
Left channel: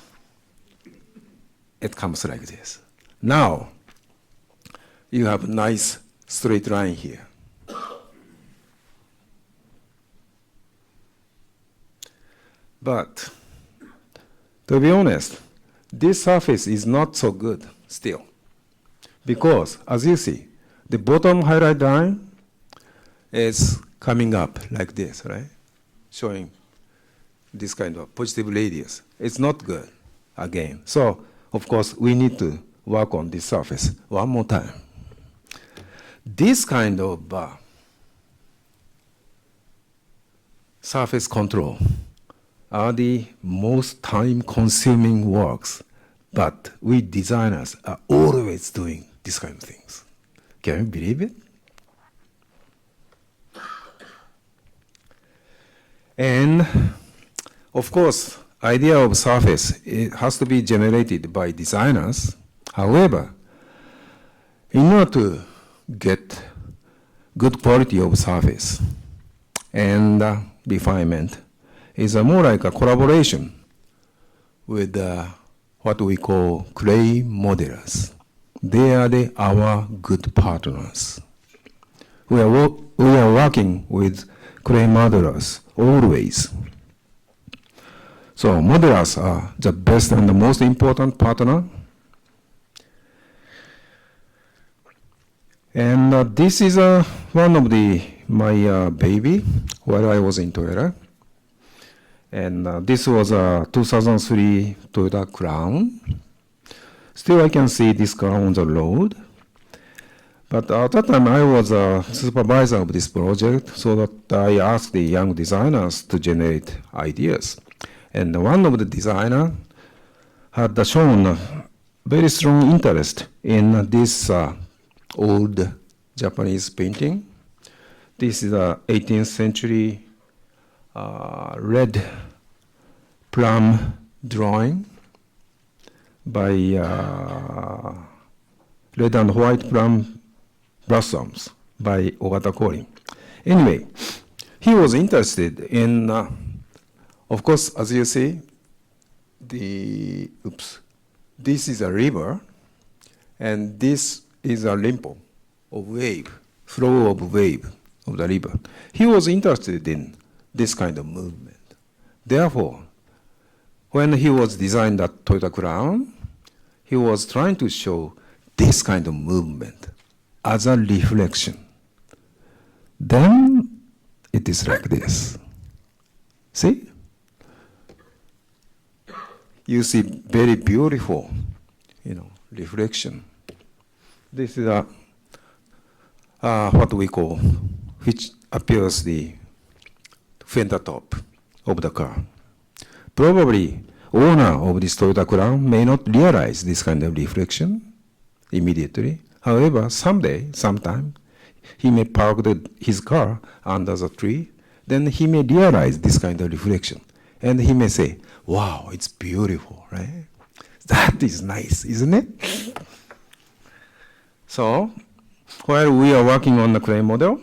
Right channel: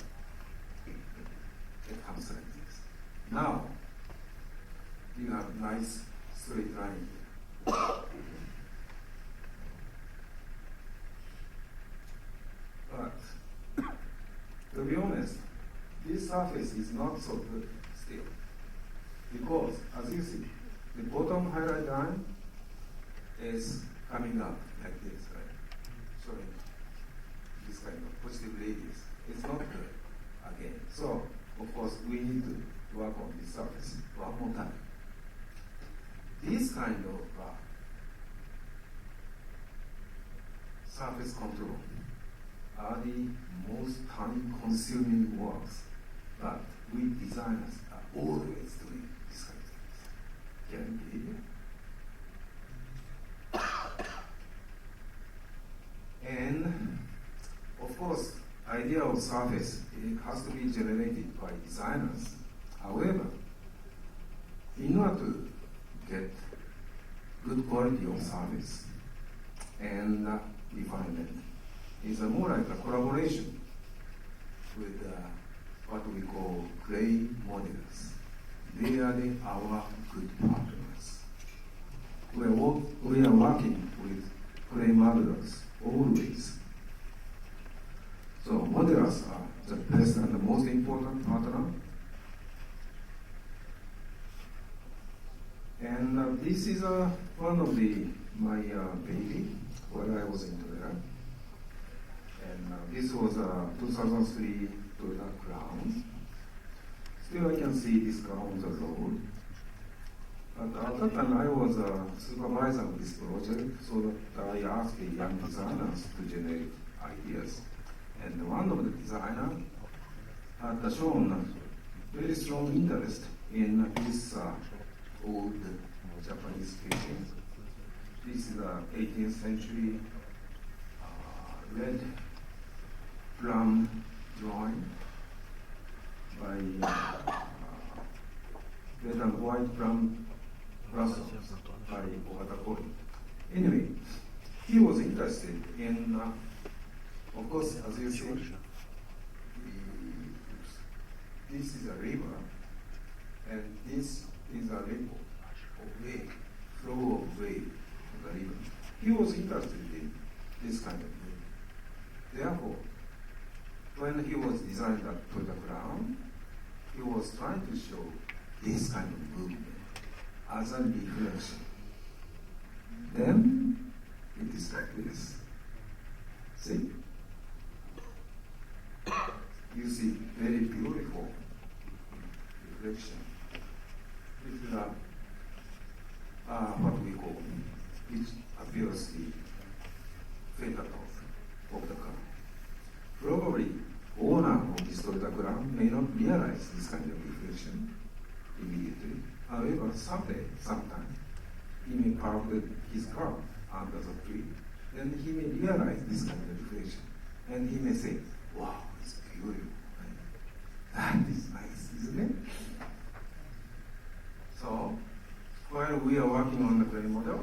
it comes like this. Now, you have a nice straight line here. But, to be honest, this surface is not so good still. Because, as you see, the bottom highlight line is coming up like this, right? Showing this kind of positive radius. It's not good, again. So, of course, we need to work on this surface one more time. This kind of surface control are the most time-consuming works, but we designers are always doing these kind of things. Can you believe it? And of course, idea of surface, it has to be generated by designers. However, in order to get good quality of surface and refinement is more like a collaboration with what we call clay modelers. They are our good partners. We are working with clay modelers always. So modelers are the best and the most important partner. And this is one of my baby while I was in Toyota. And this was a 2003 Toyota Crown. Still I can see this car on the road. But at that time I was a supervisor of this project, so that I asked the young designers to generate ideas. And one of the designers had shown very strong interest in this old Japanese painting. This is a 18th century red plum drawing by red and white plum blossoms by Ogata. Anyway, he was interested in, of course, as you see, this is a river, and this is a limpo of wave, flow of wave of the river. He was interested in this kind of movement. Therefore, when he was designing that Toyota Crown, he was trying to show this kind of movement as a reflection. Then it is like this. See? You see very beautiful, reflection. This is what we call, which appears the fender top of the car. Probably owner of this Toyota Crown may not realize this kind of reflection immediately. However, sometime, he may park his car under the tree, then he may realize this kind of reflection. And he may say, wow, it's beautiful, right? That is nice, isn't it? So, while we are working on the clay model,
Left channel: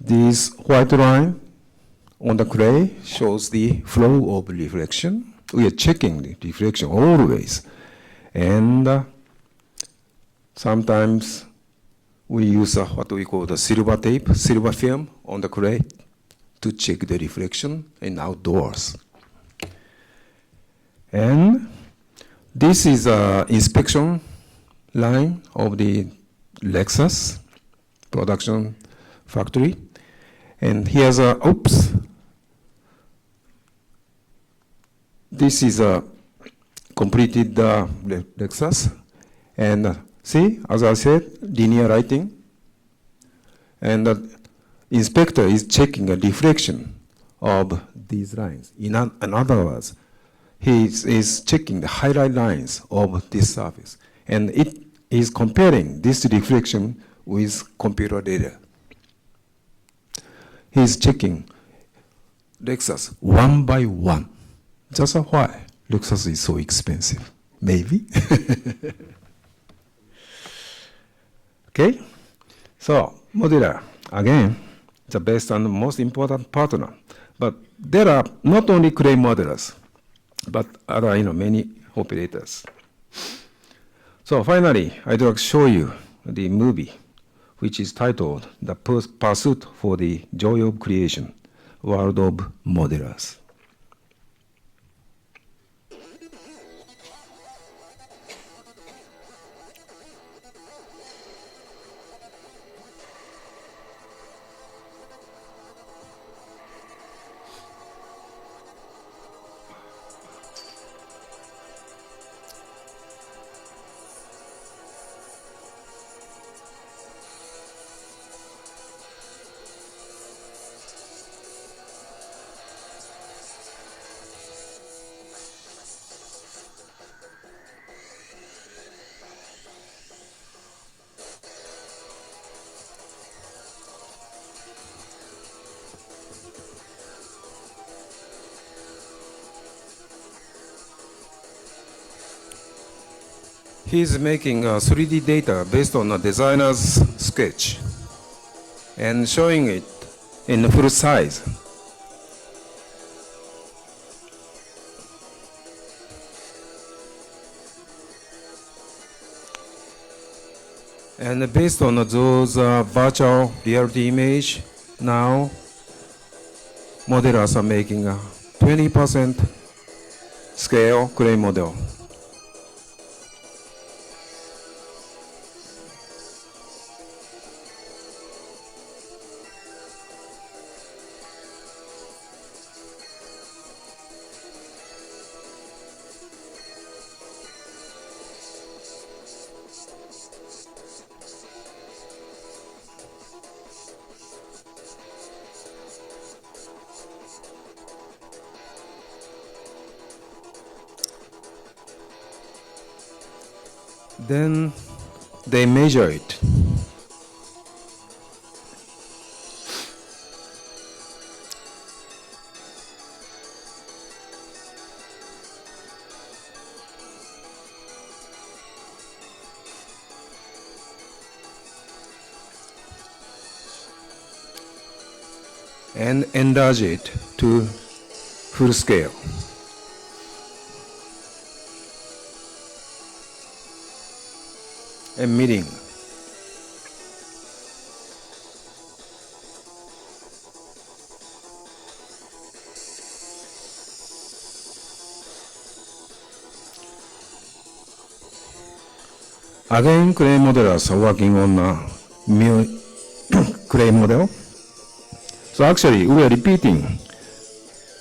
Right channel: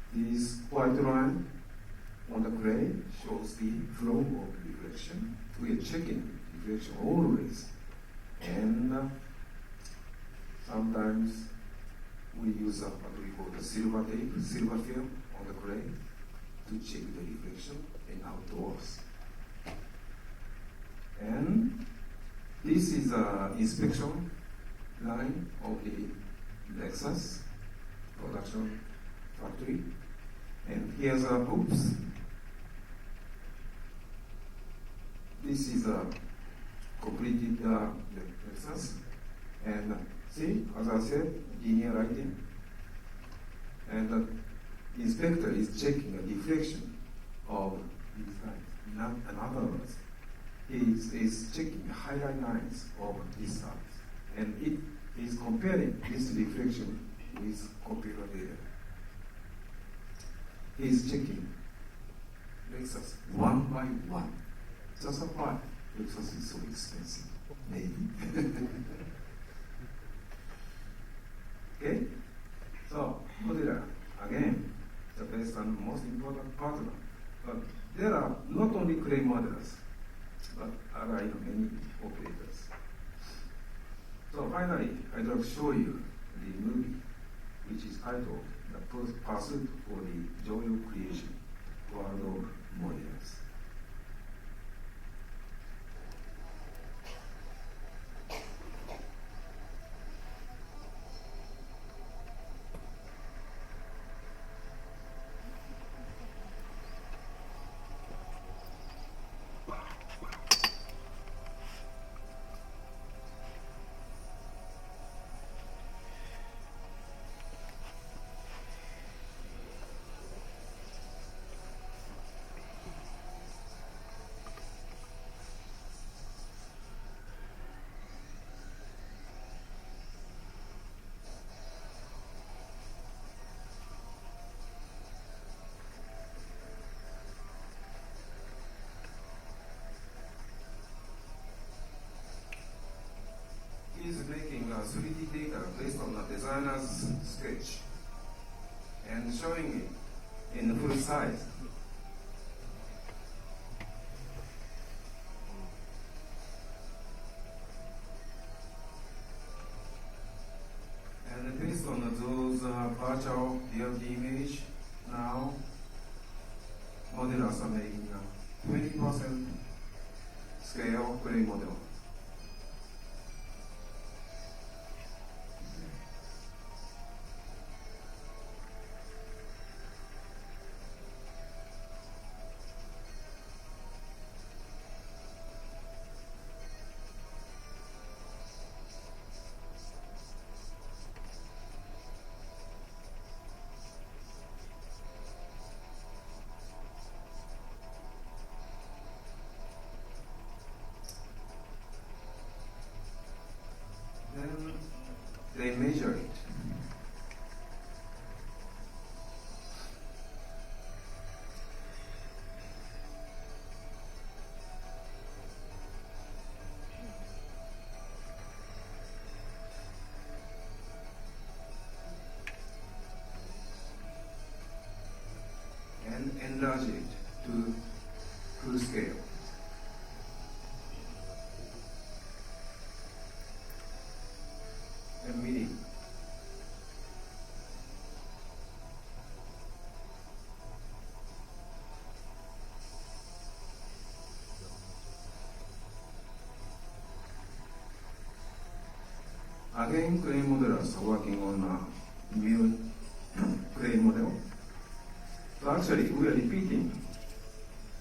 this white line on the clay shows the flow of reflection. We are checking the reflection always. And sometimes we use what we call the silver tape, silver film on the clay to check the reflection in outdoors. And this is an inspection line of the Lexus production factory. And here's this is a completed Lexus. And see, as I said, linear lighting. And the inspector is checking a reflection of these lines. In other words, he is checking the highlight lines of this surface. And it is comparing this reflection with computer data. He is checking Lexus one by one. Just why Lexus is so expensive? Maybe. Okay? So, modular, again, the best and most important partner. But there are not only clay modelers, but other many operators. So finally, I'd like to show you the movie, which is titled The Pursuit for the Joy of Creation, World of Modelers. He's making a 3D data based on a designer's sketch and showing it in full size. And based on those virtual reality image, now modelers are making a 20% scale clay model. Then they measure it. And enlarge it to full scale. A meeting. Again, clay modelers are working on a new clay model. So actually, we are repeating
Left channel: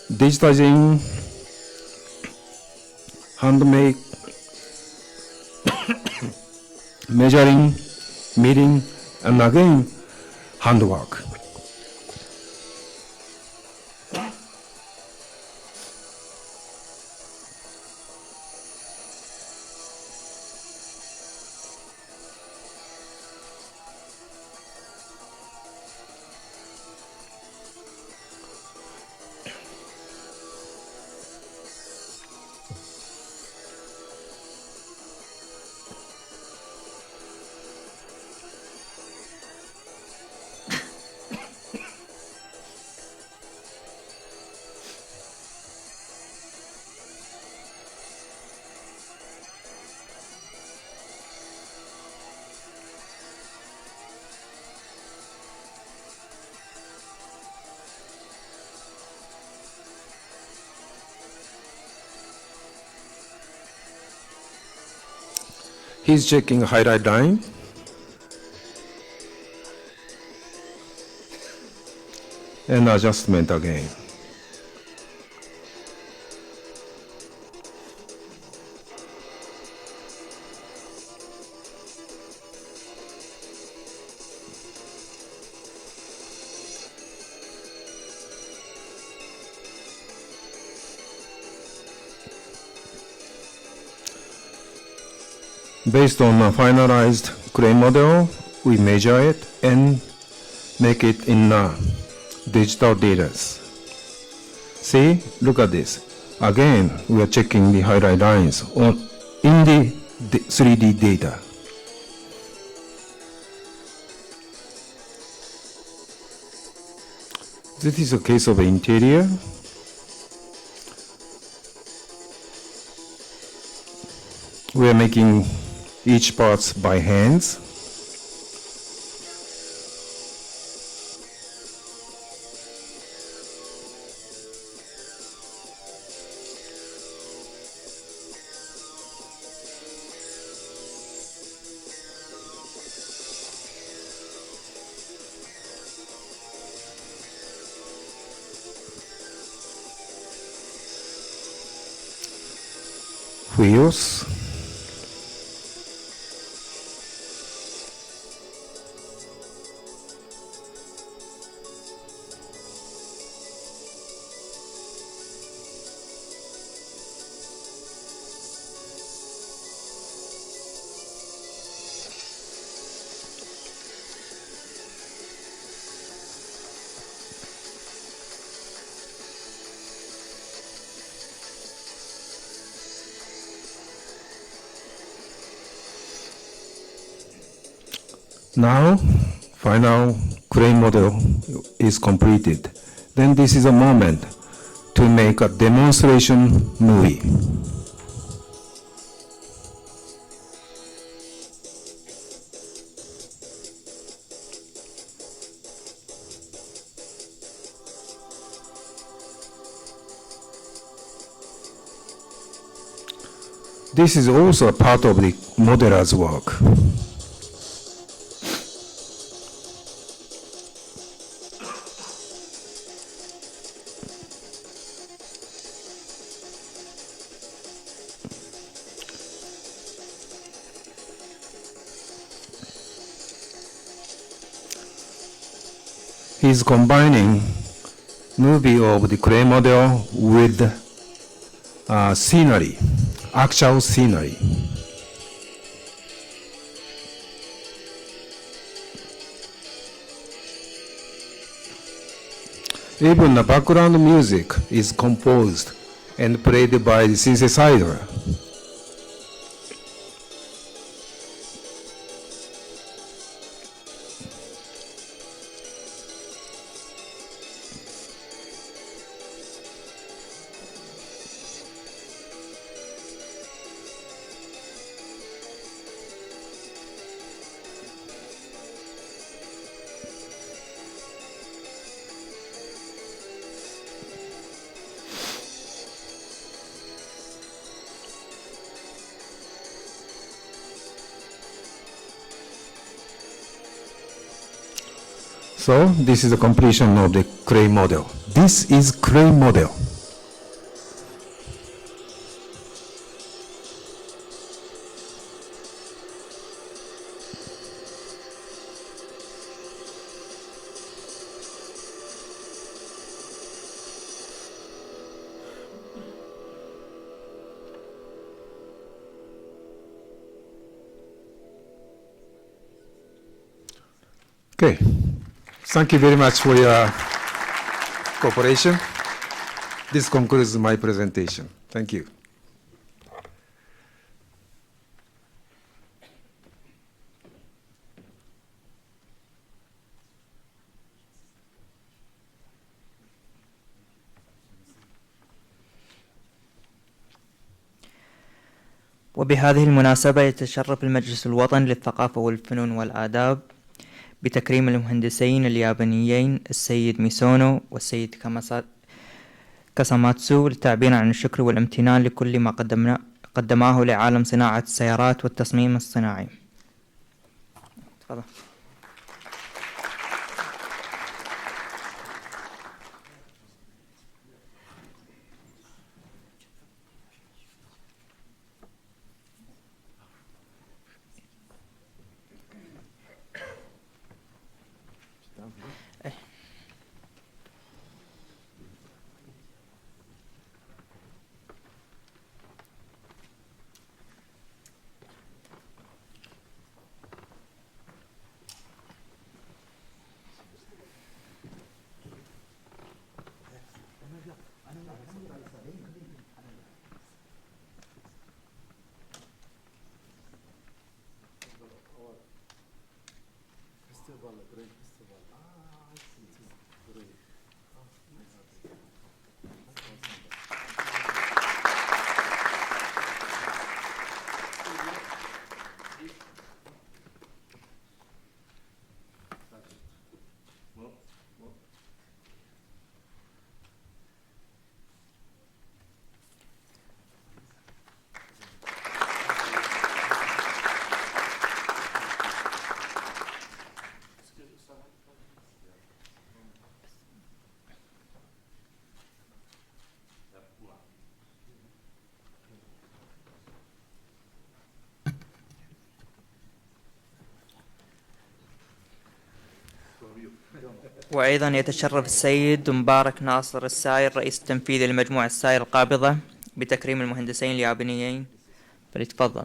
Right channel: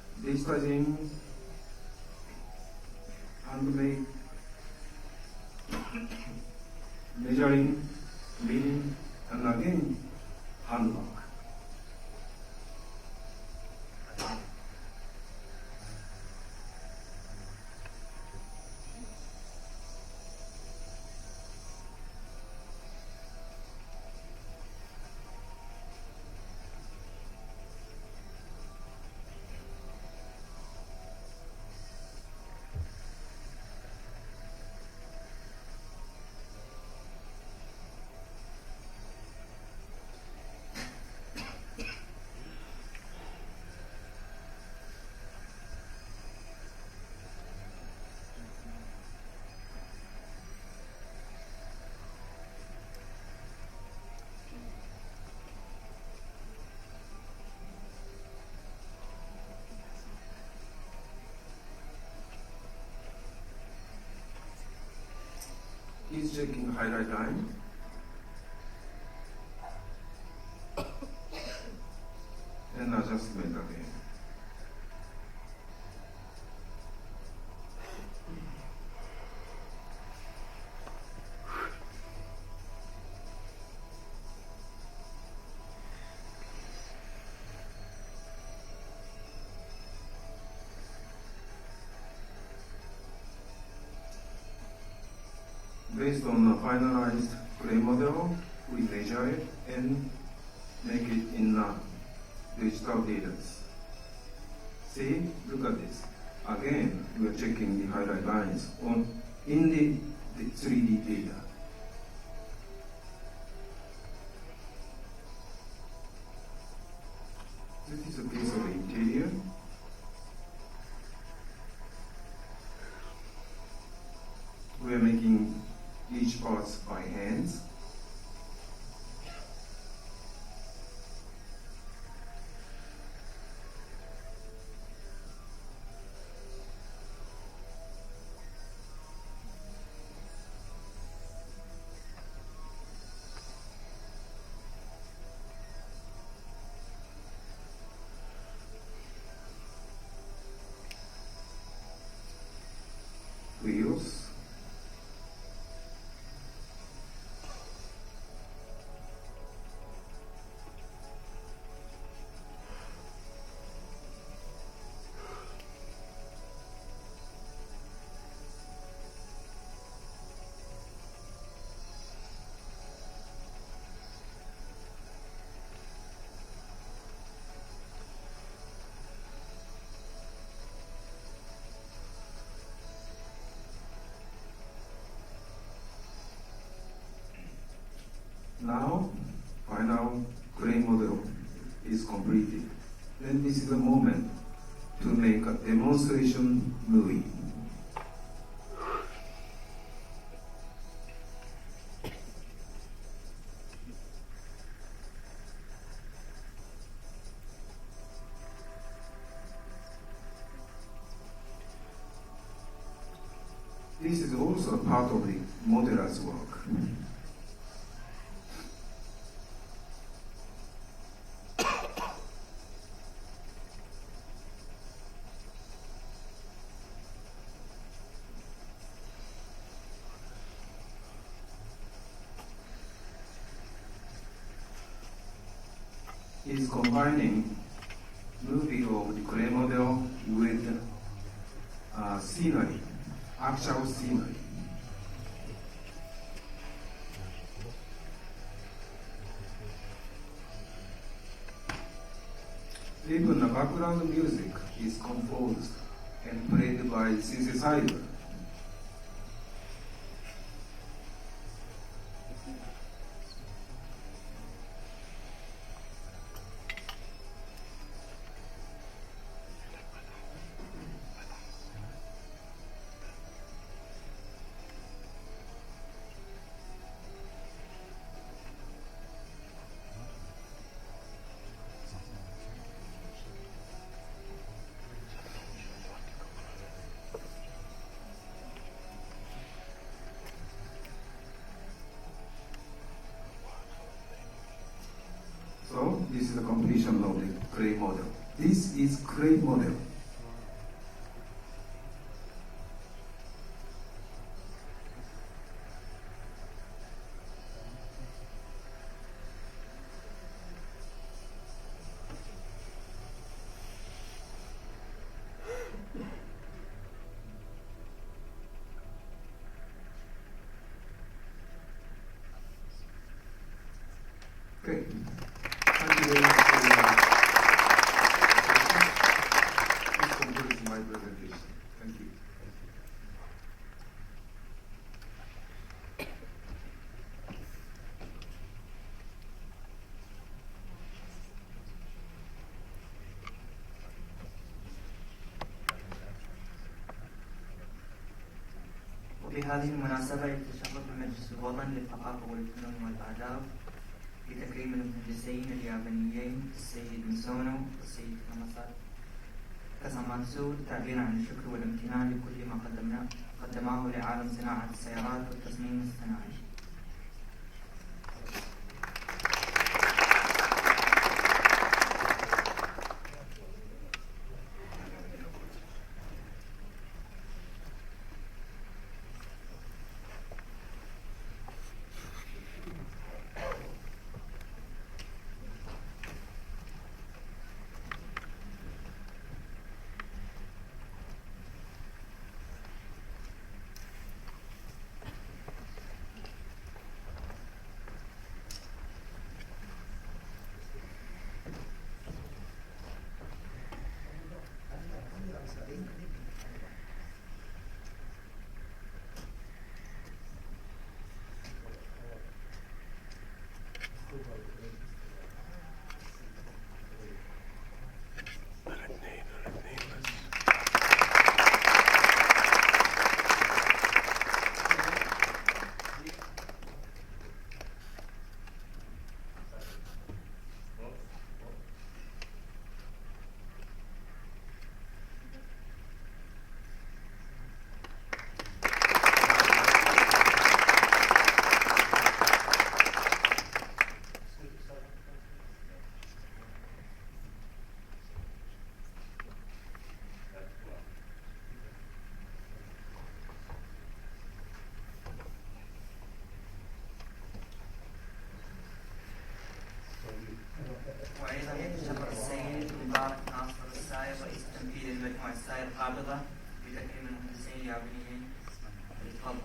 digitizing, handmade, measuring, meeting, and again, handwork. He's checking highlight line. And adjustment again. Based on a finalized clay model, we measure it and make it in digital data. See, look at this. Again, we are checking the highlight lines in the 3D data. This is a case of interior. We are making each parts by hands. Wheels. Now, final crane model is completed. Then this is a moment to make a demonstration movie. This is also a part of the modeler's work. He's combining movie of the clay model with scenery, actual scenery. Even the background music is composed and played by the synthesizer. So this is the completion of the clay model. This is clay model. Okay. Thank you very much for your cooperation. This concludes my presentation. Thank you. وبهذه المناسبة يتشرف المجلس الوطني للثقافة والفنون والآداب بتكريم المهندسين اليابانيين السيد ميسونو والسيد كاساماتسو للتعبير عن الشكر والامتنان لكل ما قدماه لعالم صناعة السيارات والتصميم الصناعي. تفضل. وأيضا يتشرف السيد مبارك ناصر الساير رئيس التنفيذي لمجموعة الساير القابضة بتكريم المهندسين اليابانيين. فليتفضل.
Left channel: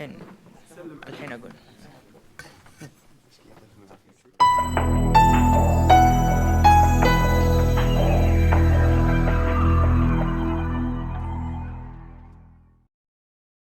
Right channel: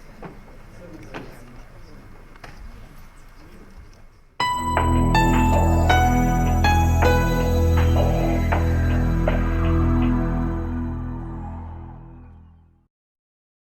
الحين